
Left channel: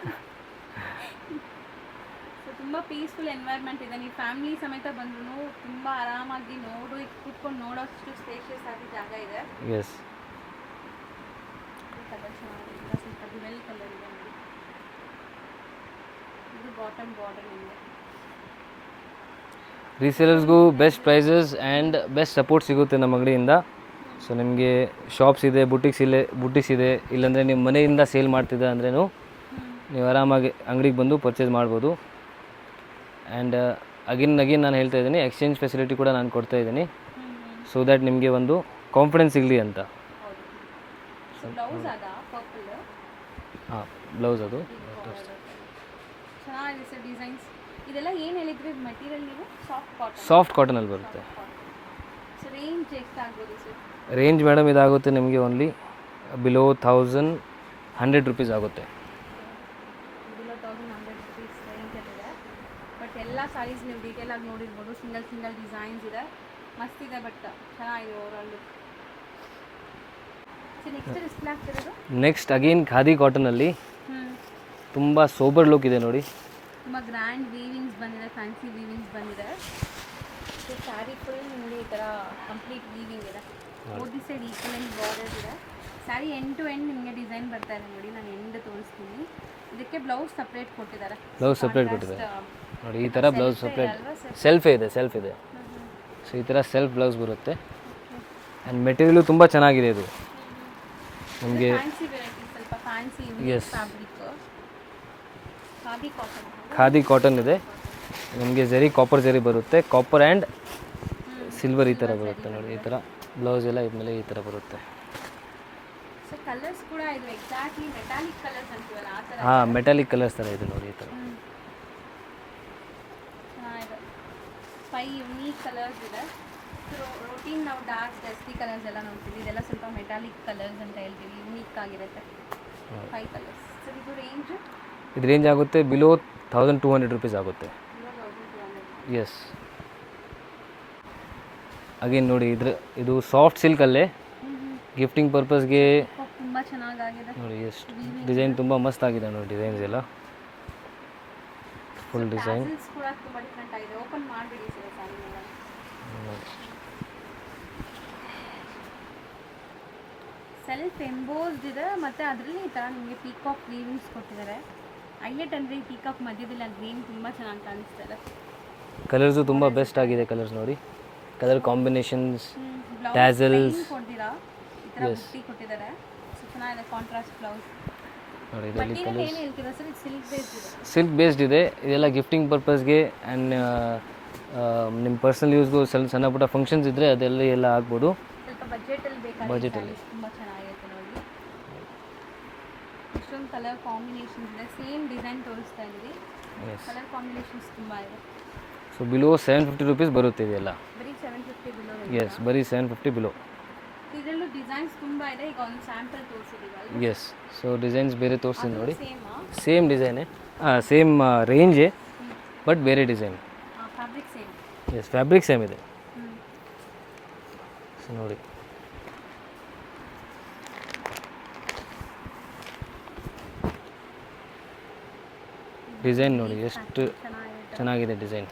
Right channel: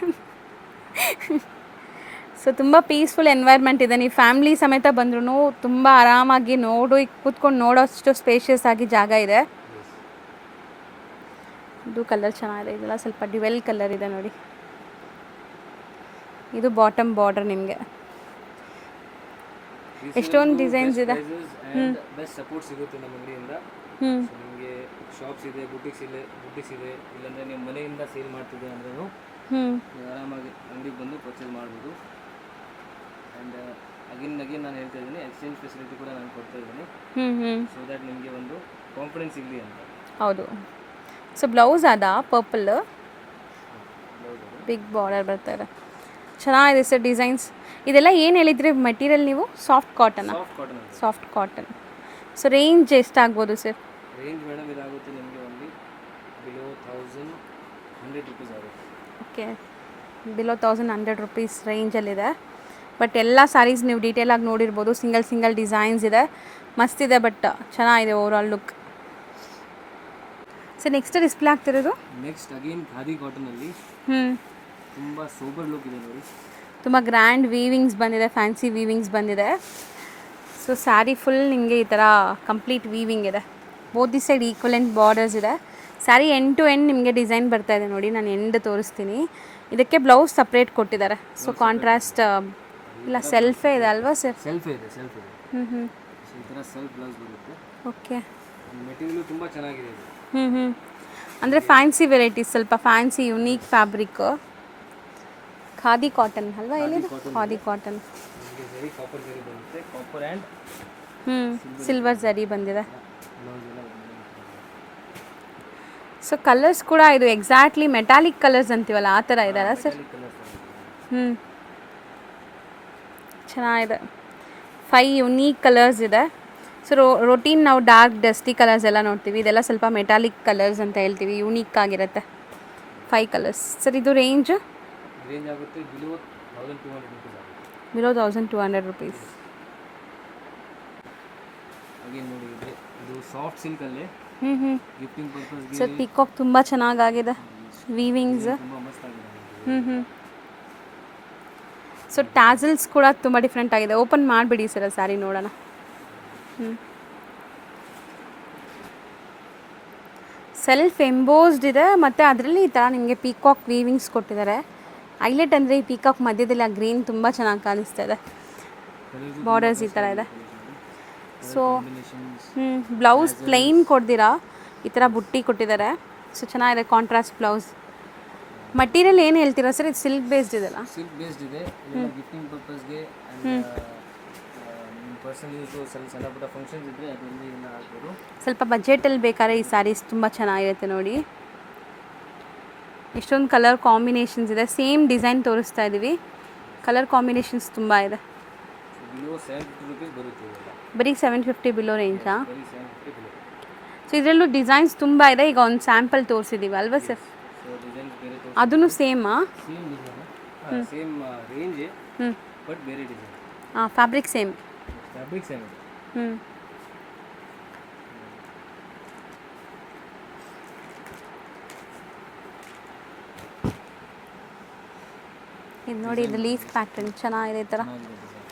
ಸೊ ತುಂಬ ಪೀಸ್ಫುಲ್ ಎನ್ವೈರ್ಮೆಂಟ್ ಇದೆ, ನೀವು ಫ್ಯಾಮಿಲಿ ಸಮೇತ ಬಂದ್ರೂ ತುಂಬ ಆರಾಮಾಗಿ ಕೂತ್ಕೊಂಡು ನೋಡೋಷ್ಟು ಸ್ಪೇಷಿಯಸ್ ಆಗಿ ಜಾಗ ಇದೆ. ಇದು ಕಲರ್ ಚೆನ್ನಾಗಿದೆ, ಇದೆಲ್ಲ ಸ್ವಲ್ಪ ಡ್ಯುವೆಲ್ ಕಲರ್ ಇದೆ ನೋಡಿ. ಇದು ಬಾಟಮ್ ಬಾರ್ಡರ್ ನಿಮಗೆ. ರೀಸೇಲರ್ಸ್ಗೂ best prices and best support ಸಿಗುತ್ತೆ ನಮ್ಮ ಅಂಗಡಿಯಿಂದ. ಸೊ ನಿಮಗೆ ಶಾಪ್ಸ್ ಇದೆ, ಬುಟಿಕ್ಸ್ ಇದೆ, ಇಲ್ಲಾಂದರೆ ನಿಮ್ಮ ಮನೆಯಿಂದ ಸೇಲ್ ಮಾಡ್ತಿದ್ದ ಅಂದ್ರೂ ನೀವು ಆರಾಮಾಗಿ ಅಂಗಡಿಗೆ ಬಂದು ಪರ್ಚೇಸ್ ಮಾಡ್ಬೋದು. ಆ್ಯಂಡ್ ಅಗೇನ್ ನಾನು ಹೇಳ್ತಾ ಇದ್ದೀನಿ, ಎಕ್ಸ್ಚೇಂಜ್ ಫೆಸಿಲಿಟಿ ಕೂಡ ನಾನು ಕೊಡ್ತಾ ಇದ್ದೀನಿ, ಸೊ ದ್ಯಾಟ್ ನಿಮಗೆ ಒಂದು ಕಾನ್ಫಿಡೆನ್ಸ್ ಸಿಗಲಿ ಅಂತ. ಹೌದು. ಸೊ ಬ್ಲೌಸ್ ಅದ ಪರ್ಪಲ್, ಹಾಂ ಬ್ಲೌಸ್ ಅದು ಬಿಗ್ ಬಾರ್ಡರ್ ಬರ್ತಾರೆ, ಚೆನ್ನಾಗಿದೆ ಸರ್ ಡಿಸೈನ್ಸ್. ಇದೆಲ್ಲ ಏನು ಹೇಳಿದ್ರಿ ಮೆಟೀರಿಯಲ್ ನೀವು? ಸಾಫ್ಟ್ ಕಾಟನ್ ಅಲ್ಲಿ ಸಾಫ್ಟ್ ಕಾಟನ್. ಸೊ ರೇಂಜ್ ಎಷ್ಟಾಗ್ಬೋದು ಸರ್? ರೇಂಜ್ ಮೇಡಮ್ ಇದಾಗುತ್ತೆ ನಿಮಗೆ ಓನ್ಲಿ ಬಿಲೋ 1100 ರುಪೀಸ್ ಆಗುತ್ತೆ. ಓಕೆ, ಬಿಲೋ 1100 ರುಪೀಸ್ ರೇಂಜಲ್ಲಿದೆ. ಬಟ್ ಎಲ್ಲ ಸ್ಯಾರೀಸ್ ನೀವು ಡೀಟೇಲಾಗಿ ನೋಡಿರ್ಬೋದು, ಸಿಂಗಲ್ ಡಿಸೈನ್ಸ್ ಇದೆ, ಮಸ್ತಿದೆ, ಬಟ್ ಚೆನ್ನಾಗಿದೆ overall look. So next display ಆಗ್ತಿರೋದು ನೆಕ್ಸ್ಟ್ ಅಗೇನ್ ಖಾದಿ ಕಾಟನಲ್ಲಿ ತುಂಬ ಸೋಬರ್ ಲುಕ್ ಇದೆ ನೋಡಿ. ತುಂಬ ಗ್ರ್ಯಾಂಡ್ ವೀವಿಂಗ್ಸ್ ಬಂದಿದೆ, ಫ್ಯಾನ್ಸಿ ವೀವಿಂಗ್ಸ್ ಬಂದಿದೆ. ಸೊ ಸ್ಯಾರಿ ಫುಲ್ ನಿಮಗೆ ಈ ಥರ ಕಂಪ್ಲೀಟ್ ವೀವಿಂಗ್ ಇದೆ, both the side equivalent borders ಇದೆ. ಸ್ಯಾರಿ ಎಂಡ್ ಟು ಎಂಡ್ ನಿಮಗೆ ಡಿಸೈನ್ ಬರ್ತಾ ಇದೆ ನೋಡಿ, ನಾನು ಎಂಡ್ ತೋರಿಸ್ತೀನಿ. ಇದಕ್ಕೆ ಬ್ಲೌಸ್ ಸಪ್ರೇಟ್ ಕೊಟ್ಟಿದ್ದಾರೆ. ಸೊ ಕಾಂಟ್ರಾಸ್ಟ್ ಸೆಲ್ಫೇ ಇದೆ ಅಲ್ವಾ ಸರ್? ಸೆಲ್ಫೇ ಇದೆ. ಸೊ ಈ ಥರ ಸೆಲ್ಫ್ ಬ್ಲೌಸ್ ಬರುತ್ತೆ. ಓಕೆ, ಆ್ಯಂಡ್ ಮೆಟೀರಿಯಲು ತುಂಬ ಚೆನ್ನಾಗಿದೆ ಇದು. ಅಂದರೆ ಫ್ಯಾನ್ಸಿ ವೆರೈಟೀಸ್, ಸ್ವಲ್ಪ fancy unique fabric. Khadi cotton ಅಲ್ವಾ? ಖಾದಿ ಕಾಟನ್ ಇದೆ. ನಿಮಗೆ ಜರಿ ಕಾಪರ್ ಜರಿ ಬರುತ್ತೆ, ಕಾಪರ್ ಆ್ಯಂಡ್ ಸಿಲ್ವರ್ ಜರಿ ಬಂದಿದೆ. ಬ್ಲೌಸ್ ಎಲ್ಲ ಇದ್ಮೇಲೆ ಈ ಥರ ಬರುತ್ತೆ. ಸೊ ಕಲರ್ಸ್ ಕೂಡ ಇದು ಎಕ್ಸಾಕ್ಟ್ಲಿ ಮೆಟಾಲಿಕ್ ಕಲರ್ಸ್ ಅಂತೀವಲ್ಲ ಆ ಥರ ಇದೆ. ಮೆಟಾಲಿಕ್ ಕಲರ್ಸ್ ಥರ ಇದೆ ನೋಡಿ. ಚೆನ್ನಾಗಿದೆ, 5 ಯುನೀಕ್ ಕಲರ್ಸ್ ಇದೆ. ಸೊ ರೊಟೀನ್ ನಾವು ಡಾರ್ಕ್ ಡಸ್ಟಿ ಕಲರ್ಸ್ ಎಲ್ಲ ನೋಡ್ತೀವಿ, ಇದೆಲ್ಲ ಸ್ವಲ್ಪ ಮೆಟಾಲಿಕ್ ಕಲರ್ಸ್ ಅಂತ ಹೇಳ್ತೀವಿ, ಯೂನಿಕ್ ಆಗಿರುತ್ತೆ. 5 ಕಲರ್ಸ್. ಸರ್ ಇದು ರೇಂಜ್ ಆಗುತ್ತೆ ಬಿಲೋ 1200 ರುಪೀಸ್ ಆಗುತ್ತೆ. Below 1200 rupees. ಎಸ್. ಅಗೇನ್ ನೋಡಿ, ಇದು ಸಾಫ್ಟ್ ಸಿಲ್ಕಲ್ಲೇ ಗಿಫ್ಟಿಂಗ್ ಪರ್ಪಸ್ಗೆ ಪಿಕಾಕ್ ತುಂಬ ಚೆನ್ನಾಗಿದೆ, ವೀವಿಂಗ್ ಡಿಸೈನ್ ತುಂಬ ಮಸ್ತ್ ಆಗಿದೆ ನೋಡಿ ಡಿಸೈನ್ಸ್ ಎಲ್ಲ. ಸೊ ಟ್ಯಾಸಲ್ಸ್ ಕೂಡ ತುಂಬ ಡಿಫ್ರೆಂಟ್ ಆಗಿದೆ. ಓಪನ್ ಮಾಡಿಬಿಡಿ ಸರ್ ಸ್ಯಾರಿ ನೋಡೋಣ. ಸೆಲ್ಫ್ ಎಂಬೋಸ್ಡ್ ಇದೆ, ಮತ್ತು ಅದರಲ್ಲಿ ಈ ಥರ ನಿಮಗೆ ಪೀಕಾಕ್ ವೀವಿಂಗ್ಸ್ ಕೊಟ್ಟಿದ್ದಾರೆ. ಹೈಲೈಟ್ ಅಂದರೆ ಈ ಪೀಕಾಕ್ ಮಧ್ಯದಲ್ಲಿ ಆ ಗ್ರೀನ್ ತುಂಬ ಚೆನ್ನಾಗಿ ಕಾಣಿಸ್ತಾ ಇದೆ. ಕಲರ್ಸ್ ತುಂಬ ಬೆಸ್ಟ್ ಆಗಿದೆ, ಕಲರ್ಸ್ ನೋಡಿ, ಕಲರ್ ಕಾಂಬಿನೇಷನ್ಸ್. ಬ್ಲೌಸ್ ಪ್ಲೈನ್ ಕೊಡ್ದಿರಾ ಈ ಥರ ಬುಟ್ಟಿ ಕೊಟ್ಟಿದ್ದಾರೆ. ಸೊ ಚೆನ್ನಾಗಿದೆ ಕಾಂಟ್ರಾಸ್ಟ್ ಬ್ಲೌಸ್. ಮಟೀರಿಯಲ್ ಏನು ಹೇಳ್ತೀರಾ ಸರ್? ಇದು ಸಿಲ್ಕ್ ಬೇಸ್ಡ್ ಇದೆಲ್ಲ? ಸಿಲ್ಕ್ ಬೇಸ್ಡ್ ಇದೆ, ಇದೆಲ್ಲ ಗಿಫ್ಟಿಂಗ್ ಪರ್ಪಸ್ಗೆ ಆ್ಯಂಡ್ ನಿಮ್ಮ ಪರ್ಸನಲ್ ಯೂಸ್ಗೂ ಸಣ್ಣ ಪುಟ್ಟ ಫಂಕ್ಷನ್ಸ್ ಇದ್ದರೆ ಅದೆಲ್ಲ ಎಲ್ಲ ಆಗ್ಬೋದು. ಸ್ವಲ್ಪ ಬಜೆಟಲ್ಲಿ ಬೇಕಾದ್ರೆ ಈ ಸ್ಯಾರೀಸ್ ತುಂಬ ಚೆನ್ನಾಗಿರುತ್ತೆ ನೋಡಿ. ಇಷ್ಟೊಂದು ಕಲರ್ ಕಾಂಬಿನೇಷನ್ಸ್ ಇದೆ, ಸೇಮ್ ಡಿಸೈನ್ ತೋರಿಸ್ತಾ ಇದ್ದೀವಿ, ಕಲರ್ ಕಾಂಬಿನೇಷನ್ಸ್ ತುಂಬ ಇದೆ. ಸೊ ಸೊ ಬಿಲೋ 750 ರುಪೀಸ್ ಬರುತ್ತೆ ಇದೆಲ್ಲ. ಬರೀ 750 ಬಿಲೋ ರೇಂಜಾ? ಬರೀ 750 ಬಿಲೋ. ಸೊ ಇದರಲ್ಲೂ ಡಿಸೈನ್ಸ್ ತುಂಬ ಇದೆ. ಈಗ ಒಂದು ಸ್ಯಾಂಪಲ್ ತೋರಿಸಿದ್ದೀವಿ ಅಲ್ವಾ ಸರ್? ಎಸ್. ಸೊ ಡಿಸೈನ್ಸ್ ಬೇರೆ ಅದೂ ತೋರಿಸ್ತೀನಿ. ಸೇಮಾ? ಸೇಮ್ ಡಿಸೈನೇ, ಸೇಮ್ ರೇಂಜೇ, ಬಟ್ ಬೇರೆ design. Fabric same? Yes, fabric same ಇದೆ. ಸೊ ನೋಡಿ, ಡಿಸೈನ್ ನೋಡಿ ಲೀಫ್ ಪ್ಯಾಟರ್ನ್ ಚೆನ್ನಾಗಿದೆ ಈ ಥರ. ಚೆನ್ನಾಗಿದೆ ಡಿಸೈನ್.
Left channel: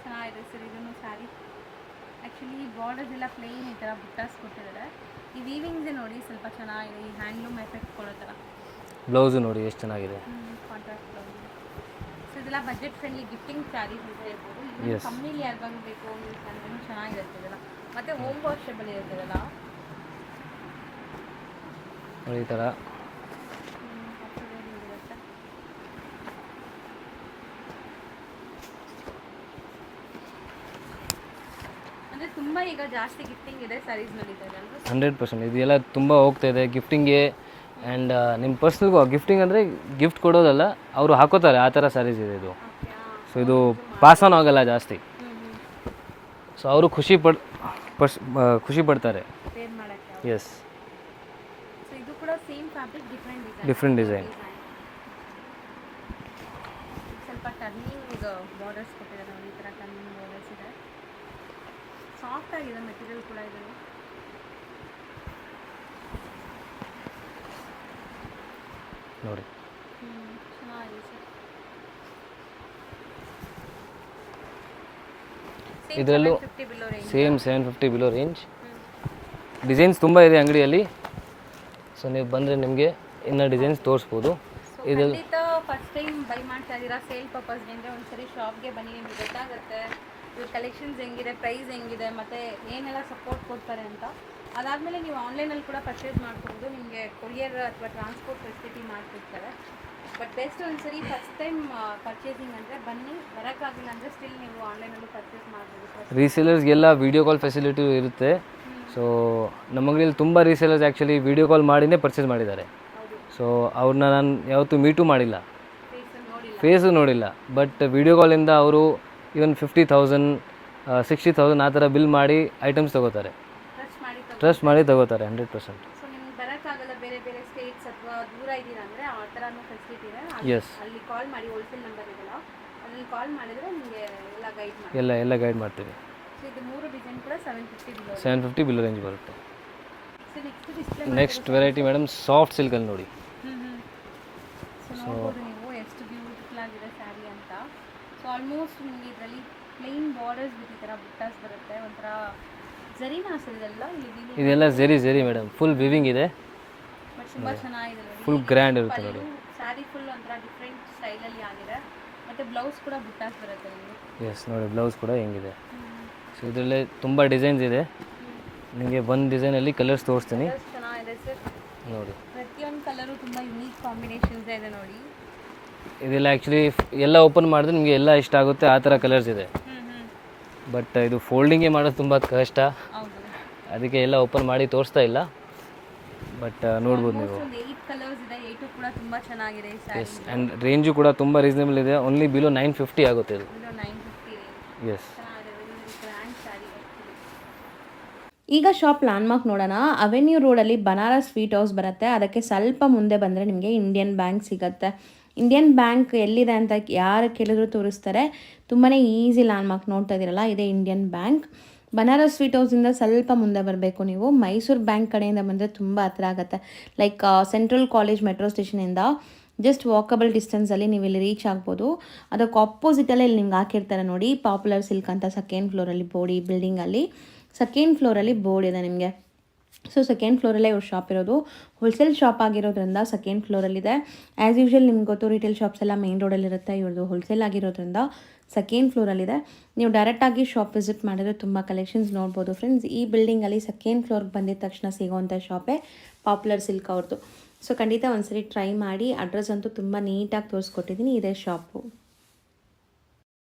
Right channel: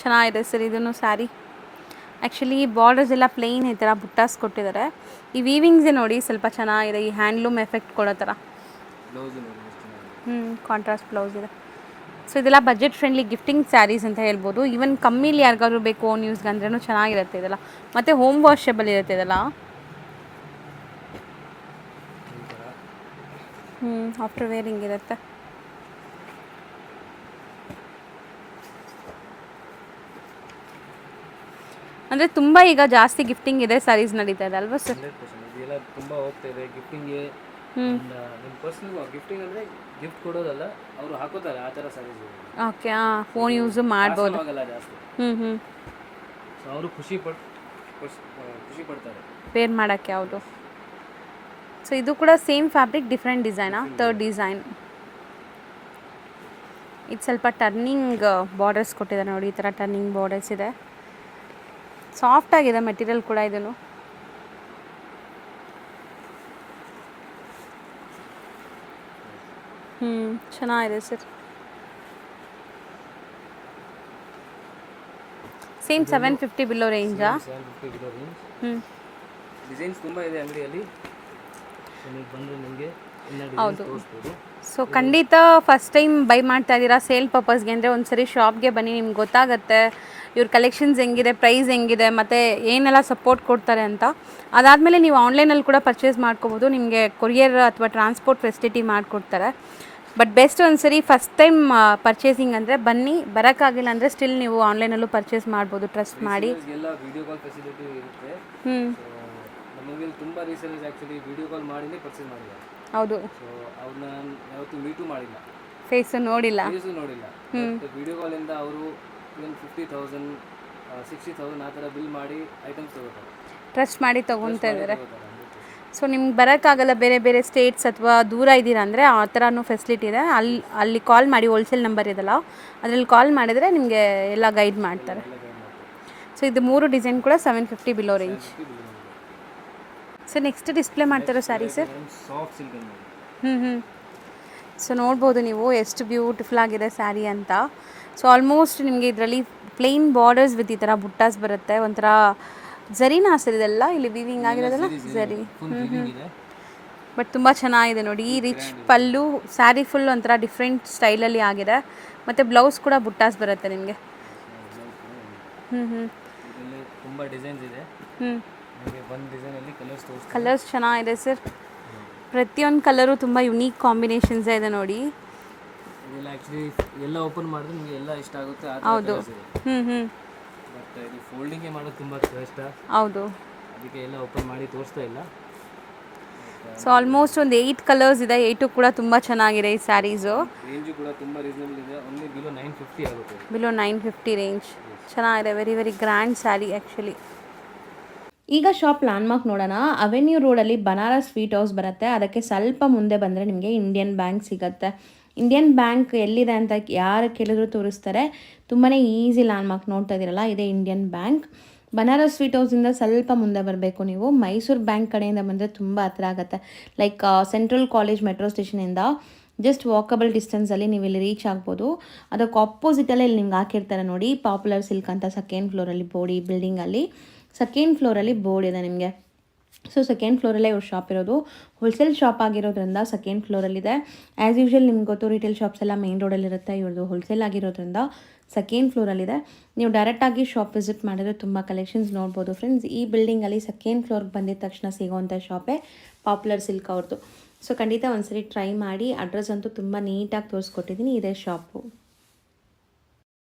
ಚೆನ್ನಾಗಿದೆ ಸರ್ ಇದನ್ನು ಸ್ಯಾರಿ. ಆ್ಯಕ್ಚುಲಿ ಬಾರ್ಡರ್ಸ್ ಎಲ್ಲ ಪ್ಲೇನ್ ಈ ಥರ ಬುಟ್ಟಾಸ್ ಕೊಟ್ಟಿದ್ದಾರೆ. ಈ ವೀವಿಂಗ್ಸೇ ನೋಡಿ ಸ್ವಲ್ಪ ಚೆನ್ನಾಗಿದೆ, ಈ ಹ್ಯಾಂಡ್ಲೂಮ್ ಎಫೆಕ್ಟ್ ಕೊಡೋ ಥರ. ಬ್ಲೌಸು ನೋಡಿ ಎಷ್ಟು ಚೆನ್ನಾಗಿದೆ. ಕಾಂಟ್ರಾಸ್ಟ್ ಬ್ಲೌಸ್ ಇದೆ. ಸೊ ಇದೆಲ್ಲ ಬಜೆಟ್ ಫ್ರೆಂಡ್ಲಿ ಗಿಫ್ಟಿಂಗ್ ಸ್ಯಾರೀಸ್ ಅಂತ ಹೇಳ್ಬೋದು. ಈವನ್ ಕಮ್ಮಿಲಿ ಯಾರಿಗಾದ್ರು ಬೇಕು ಓನ್ ಯೂಸ್ಗೆ ಅಂದ್ರೂ ಚೆನ್ನಾಗಿರುತ್ತೆ ಇದೆಲ್ಲ. ಮತ್ತು ಹೋಮ್ ವಾಷಬಲ್ ಇರುತ್ತೆ ಇದೆಲ್ಲ. ಈ ಥರ ಆಫ್ಟರ್ ವೇರಿಂಗ್ ಇರುತ್ತೆ. ಅಂದರೆ ತುಂಬ ಈಗ ಜಾಸ್ತಿ ಗಿಫ್ಟಿಂಗ್ ಇದೆ ಸ್ಯಾರೀಸ್ ನಡೀತಾ ಇದೆ ಅಲ್ವಾ ಸರ್? 100%. ಇದೆಲ್ಲ ತುಂಬ ಹೋಗ್ತಾ ಇದೆ ಗಿಫ್ಟಿಂಗೆ. ಆ್ಯಂಡ್ ನಿಮ್ಮ ಪರ್ಸ್ನಲ್ ಗಿಫ್ಟಿಂಗ್ ಅಂದರೆ ಗಿಫ್ಟ್ ಕೊಡೋದಲ್ಲ, ಅವರು ಹಾಕೋತಾರೆ ಆ ಥರ ಸ್ಯಾರೀಸ್ ಇದೆ ಇದು. ಓಕೆ, ಪಾಸ್ ಆನ್ ಆಗಲ್ಲ ಜಾಸ್ತಿ. ಸೊ ಅವರು ಖುಷಿ ಪಡ್ತಾರೆ ಪೇರ್ ಮಾಡೋಕ್ಕೆ. ಹೌದು. ಎಸ್. ಸೊ ಇದು ಕೂಡ same fabric, different design. Third design ಇದು ಸ್ವಲ್ಪ ಟರ್ನಿಂಗ್ ಬಾರ್ಡರ್ಸ್ ಕೊಟ್ಟಿದ್ದಾರೆ ನೋಡಿ. ಈ ಥರ ಟರ್ನಿಂಗ್ ಬಾರ್ಡರ್ಸ್ ಇದೆ. ಸಾಫ್ಟ್ ಆಗಿದೆ ಮೆಟೀರಿಯಲ್ ಕೂಡ ಇದನ್ನು. ನೋಡಿ, ಚೆನ್ನಾಗಿದೆ sir. Same 750 below range. Same 750 below range. Designs ತುಂಬ ಇದೆ ಅಂಗಡಿಯಲ್ಲಿ. ಸೊ ನೀವು ಬಂದರೆ ನಿಮಗೆ ಇನ್ನೂ ಡಿಸೈನ್ಸ್ ತೋರಿಸ್ಬೋದು. ಸೊ ಖಂಡಿತ ಫಸ್ಟ್ ಟೈಮ್ ಬೈ ಮಾಡ್ತಾ ಇದ್ದೀರಾ ಸೇಲ್ ಪರ್ಪಸ್ಗೆ ಅಂದರೆ ಒಂದ್ಸರಿ ಶಾಪ್ಗೆ ಬನ್ನಿ, ನಿಮ್ಗೆ ಗೊತ್ತಾಗುತ್ತೆ ಇವ್ರ ಕಲೆಕ್ಷನ್ಸ್ ಹೆಂಗಿದೆ, ಪ್ರೈಸ್ ಹೆಂಗಿದೆ, ಮತ್ತು ಏನೆಲ್ಲ ಸಪೋರ್ಟ್ ಕೊಡ್ತಾರೆ ಅಂತ. ಅದಾದಮೇಲೆ ನೀವು ಆನ್ಲೈನಲ್ಲಿ ಕೂಡ ಪರ್ಚೇಸ್ ಮಾಡ್ಕೋಬೋದು. ನಿಮಗೆ ಕೊರಿಯರ್ ಅಥವಾ ಟ್ರಾನ್ಸ್ಪೋರ್ಟ್ ಫೆಸಿಲಿಟಿ ಮಾಡಿಕೊಡ್ತಾರೆ. ಬಟ್ ಬೆಸ್ಟ್ ಒಂದ್ಸರಿ ಫಸ್ಟ್ ಟೈಮ್ ಪರ್ಚೇಸಿಂಗ್ ಅಂದರೆ ಬನ್ನಿ. ಬರೋಕ್ಕಾಗಿಲ್ಲ ಅಂದರೆ ಸ್ಟಿಲ್ ನೀವು ಆನ್ಲೈನಲ್ಲೂ ಪರ್ಚೇಸ್ ಮಾಡ್ಬೋದು. ಟ್ರಸ್ಟ್ ಮಾಡಿ. ರೀಸೇಲರ್ಸ್ಗೆಲ್ಲ ವಿಡಿಯೋ ಕಾಲ್ ಫೆಸಿಲಿಟಿ ಇರುತ್ತೆ. ಸೊ ನಮ್ಮ ಅಂಗಡಿಯಲ್ಲಿ ತುಂಬ ರೀಸೇಲರ್ಸ್ ಆ್ಯಕ್ಚುಲಿ ವಿಡಿಯೋ ಕಾಲ್ ಮಾಡಿನೇ ಪರ್ಚೇಸ್ ಮಾಡಿದ್ದಾರೆ. ಹೌದು. ಸೊ ಅವ್ರನ್ನ ನಾನು ಯಾವತ್ತೂ ಮೀಟು ಮಾಡಿಲ್ಲ, ಫೇಸು ನೋಡಿಲ್ಲ. ಬಟ್ ವಿಡಿಯೋ ಕಾಲಿಂದ ಅವರು ಇವನ್ 50,000 60,000 ಆ ಥರ ಬಿಲ್ ಮಾಡಿ ಐಟಮ್ಸ್ ತಗೋತಾರೆ. ಟ್ರಸ್ಟ್ ಮಾಡಿ ತಗೋತಾರೆ 100%. ಸೊ ನಿಮ್ಗೆ ಬರೋಕ್ಕಾಗಲ್ಲ, ಬೇರೆ ಬೇರೆ ಸ್ಟೇಟ್ಸ್ ಅಥವಾ ದೂರ ಇದ್ದೀರಾ ಅಂದರೆ ಆ ಥರನೂ ಫೆಸಿಲಿಟಿ ಇದೆ. ಅಲ್ಲಿ ಕಾಲ್ ಮಾಡಿ, ಹೋಲ್ಸೇಲ್ ನಂಬರ್ ಇದೆಲ್ಲ ಅದರಲ್ಲಿ ಕಾಲ್ ಮಾಡಿದರೆ ನಿಮಗೆ ಎಲ್ಲ ಗೈಡ್ ಮಾಡ್ತೀವಿ. ಸೊ ಇದು 3 ಡಿಸೈನ್ ಕೂಡ 750 ಬಿಲೋ ರೇಂಜ್ ಬರುತ್ತೆ. ಸೊ ನೆಕ್ಸ್ಟ್ ಡಿಸ್ಪ್ಲೇ ಮಾಡ್ತಿರೋ ವೆರೈಟಿ ಮೇಡಮ್ ಸಾಫ್ಟ್ ಸಿಲ್ಕಲ್ಲಿ ನೋಡಿ. ಸೊ ನೋಡ್ಬೋದು ನೀವು ಎಷ್ಟು ಬ್ಯೂಟಿಫುಲ್ ಆಗಿದೆ ಸ್ಯಾರಿ ಅಂತ. ಸೊ ಆಲ್ಮೋಸ್ಟ್ ನಿಮಗೆ ಇದರಲ್ಲಿ ಪ್ಲೇನ್ ಬಾರ್ಡರ್ಸ್ ವಿತ್ ಈ ಥರ ಬುಟ್ಟಾಸ್ ಬರುತ್ತೆ. ಒಂಥರ ಝರಿನಾ ಸರ್ ಇದೆಲ್ಲ? ಇಲ್ಲಿ ವೀವಿಂಗ್ ಮೇಡಮ್, ಫುಲ್ ವೀವಿಂಗ್ ಇದೆ. ಬಟ್ ತುಂಬ ಚೆನ್ನಾಗಿದೆ ನೋಡಿ. ಈ ರಿಚ್ ಪಲ್ಲು, ಸ್ಯಾರಿ ಫುಲ್ ಒಂಥರ ಡಿಫ್ರೆಂಟ್ ಸ್ಟೈಲಲ್ಲಿ ಆಗಿದೆ. ಮತ್ತು ಬ್ಲೌಸ್ ಕೂಡ ಬುಟ್ಟಾಸ್ ಬರುತ್ತೆ ನಿಮಗೆ. ಎಸ್ ನೋಡಿ, ಬ್ಲೌಸ್ ಕೂಡ ಹೆಂಗಿದೆ. ಇದರಲ್ಲೇ ತುಂಬ ಡಿಸೈನ್ಸ್ ಇದೆ. ನಿಮಗೆ ಒಂದು ಡಿಸೈನಲ್ಲಿ ಕಲರ್ಸ್ ತೋರಿಸ್ತೀನಿ. ಕಲರ್ಸ್ ಚೆನ್ನಾಗಿದೆ ಸರ್ ನೋಡಿ. ಪ್ರತಿಯೊಂದು ಕಲರು ತುಂಬ ಯುನೀಕ್ ಕಾಂಬಿನೇಷನ್ಸ್ ಇದೆ ನೋಡಿ. ಇದೆಲ್ಲ ಆ್ಯಕ್ಚುಲಿ ಎಲ್ಲ ಓಪನ್ ಮಾಡಿದ್ರೆ ನಿಮಗೆ ಎಲ್ಲ ಇಷ್ಟ ಆಗುತ್ತೆ ಆ ಥರ ಕಲರ್ಸ್ ಇದೆ. ಬಟ್ ಇದು ಫೋಲ್ಡಿಂಗೇ ಮಾಡೋದು ತುಂಬ ಕಷ್ಟ. ಹೌದು, ಅದಕ್ಕೆ ಎಲ್ಲ ಓಪನ್ ಮಾಡಿ ತೋರಿಸ್ತಾ ಇಲ್ಲ. ಬಟ್ ಆಲ್ಮೋಸ್ಟ್ ಒಂದು 8 ಕಲರ್ಸ್ ಇದೆ. 8 ಕೂಡ ತುಂಬ ಚೆನ್ನಾಗಿದೆ ಈ ಸ್ಯಾರೀಸು. ರೇಂಜು ಕೂಡ ತುಂಬ ರೀಸನಬಲ್ ಇದೆ. ಓನ್ಲಿ ಬಿಲೋ 950 ಆಗುತ್ತೆ ಇದು. ಬಿಲೋ 950 ರೇಂಜ್. ಚೆನ್ನಾಗಿದೆ, very very grand sari actually. ಈಗ ಶಾಪ್ ಲ್ಯಾಂಡ್ಮಾರ್ಕ್ ನೋಡೋಣ. ಅವೆನ್ಯೂ ರೋಡಲ್ಲಿ ಬನಾರಸ್ ಸ್ವೀಟ್ ಹೌಸ್ ಬರುತ್ತೆ. ಅದಕ್ಕೆ ಸ್ವಲ್ಪ ಮುಂದೆ ಬಂದರೆ ನಿಮಗೆ ಇಂಡಿಯನ್ ಬ್ಯಾಂಕ್ ಸಿಗುತ್ತೆ. ಇಂಡಿಯನ್ ಬ್ಯಾಂಕ್ ಎಲ್ಲಿದೆ ಅಂತ ಯಾರು ಕೇಳಿದ್ರು ತೋರಿಸ್ತಾರೆ. ತುಂಬಾ ಈಸಿ ಲ್ಯಾಂಡ್ಮಾರ್ಕ್ ನೋಡ್ತಾ ಇದ್ದೀರಲ್ಲ, ಇದೇ ಇಂಡಿಯನ್ ಬ್ಯಾಂಕ್. ಬನಾರಸ್ ಸ್ವೀಟ್ ಹೌಸಿಂದ ಸ್ವಲ್ಪ ಮುಂದೆ ಬರಬೇಕು ನೀವು. ಮೈಸೂರು ಬ್ಯಾಂಕ್ ಕಡೆಯಿಂದ ಬಂದರೆ ತುಂಬ ಹತ್ರ ಆಗುತ್ತೆ. ಲೈಕ್ ಸೆಂಟ್ರಲ್ ಕಾಲೇಜ್ ಮೆಟ್ರೋ ಸ್ಟೇಷನಿಂದ ಜಸ್ಟ್ ವಾಕಬಲ್ ಡಿಸ್ಟೆನ್ಸಲ್ಲಿ ನೀವು ಇಲ್ಲಿ ರೀಚ್ ಆಗ್ಬೋದು. ಅದಕ್ಕೆ ಆಪೋಸಿಟಲ್ಲೇ ಇಲ್ಲಿ ನಿಮ್ಗೆ ಹಾಕಿರ್ತಾರೆ ನೋಡಿ, ಪಾಪ್ಯುಲರ್ ಸಿಲ್ಕ್ ಅಂತ. ಸೆಕೆಂಡ್ ಫ್ಲೋರಲ್ಲಿ ಬೋರ್ಡ್, ಈ ಬಿಲ್ಡಿಂಗಲ್ಲಿ ಸೆಕೆಂಡ್ ಫ್ಲೋರಲ್ಲಿ ಬೋರ್ಡ್ ಇದೆ ನಿಮಗೆ. ಸೊ ಸೆಕೆಂಡ್ ಫ್ಲೋರಲ್ಲೇ ಇವ್ರ ಶಾಪ್ ಇರೋದು. ಹೋಲ್ಸೇಲ್ ಶಾಪ್ ಆಗಿರೋದ್ರಿಂದ ಸೆಕೆಂಡ್ ಫ್ಲೋರಲ್ಲಿದೆ. ಆ್ಯಸ್ ಯೂಶ್ವಲ್ ನಿಮ್ಗೆ ಗೊತ್ತು, ರಿಟೇಲ್ ಶಾಪ್ಸ್ ಎಲ್ಲ ಮೇನ್ ರೋಡಲ್ಲಿರುತ್ತೆ. ಇವ್ರದ್ದು ಹೋಲ್ಸೇಲ್ ಆಗಿರೋದ್ರಿಂದ ಸೆಕೆಂಡ್ ಫ್ಲೋರಲ್ಲಿದೆ. ನೀವು ಡೈರೆಕ್ಟಾಗಿ ಶಾಪ್ ವಿಸಿಟ್ ಮಾಡಿದ್ರೆ ತುಂಬ ಕಲೆಕ್ಷನ್ಸ್ ನೋಡ್ಬೋದು ಫ್ರೆಂಡ್ಸ್. ಈ ಬಿಲ್ಡಿಂಗಲ್ಲಿ ಸೆಕೆಂಡ್ ಫ್ಲೋರ್ಗೆ ಬಂದಿದ ತಕ್ಷಣ ಸಿಗೋವಂಥ ಶಾಪೇ ಪಾಪ್ಯುಲರ್ ಸಿಲ್ಕ್ ಅವ್ರದ್ದು. ಸೊ ಖಂಡಿತ ಒಂದ್ಸರಿ ಟ್ರೈ ಮಾಡಿ. ಅಡ್ರೆಸ್ ಅಂತೂ ತುಂಬ ನೀಟಾಗಿ ತೋರಿಸ್ಕೊಟ್ಟಿದ್ದೀನಿ. ಇದೇ ಶಾಪು.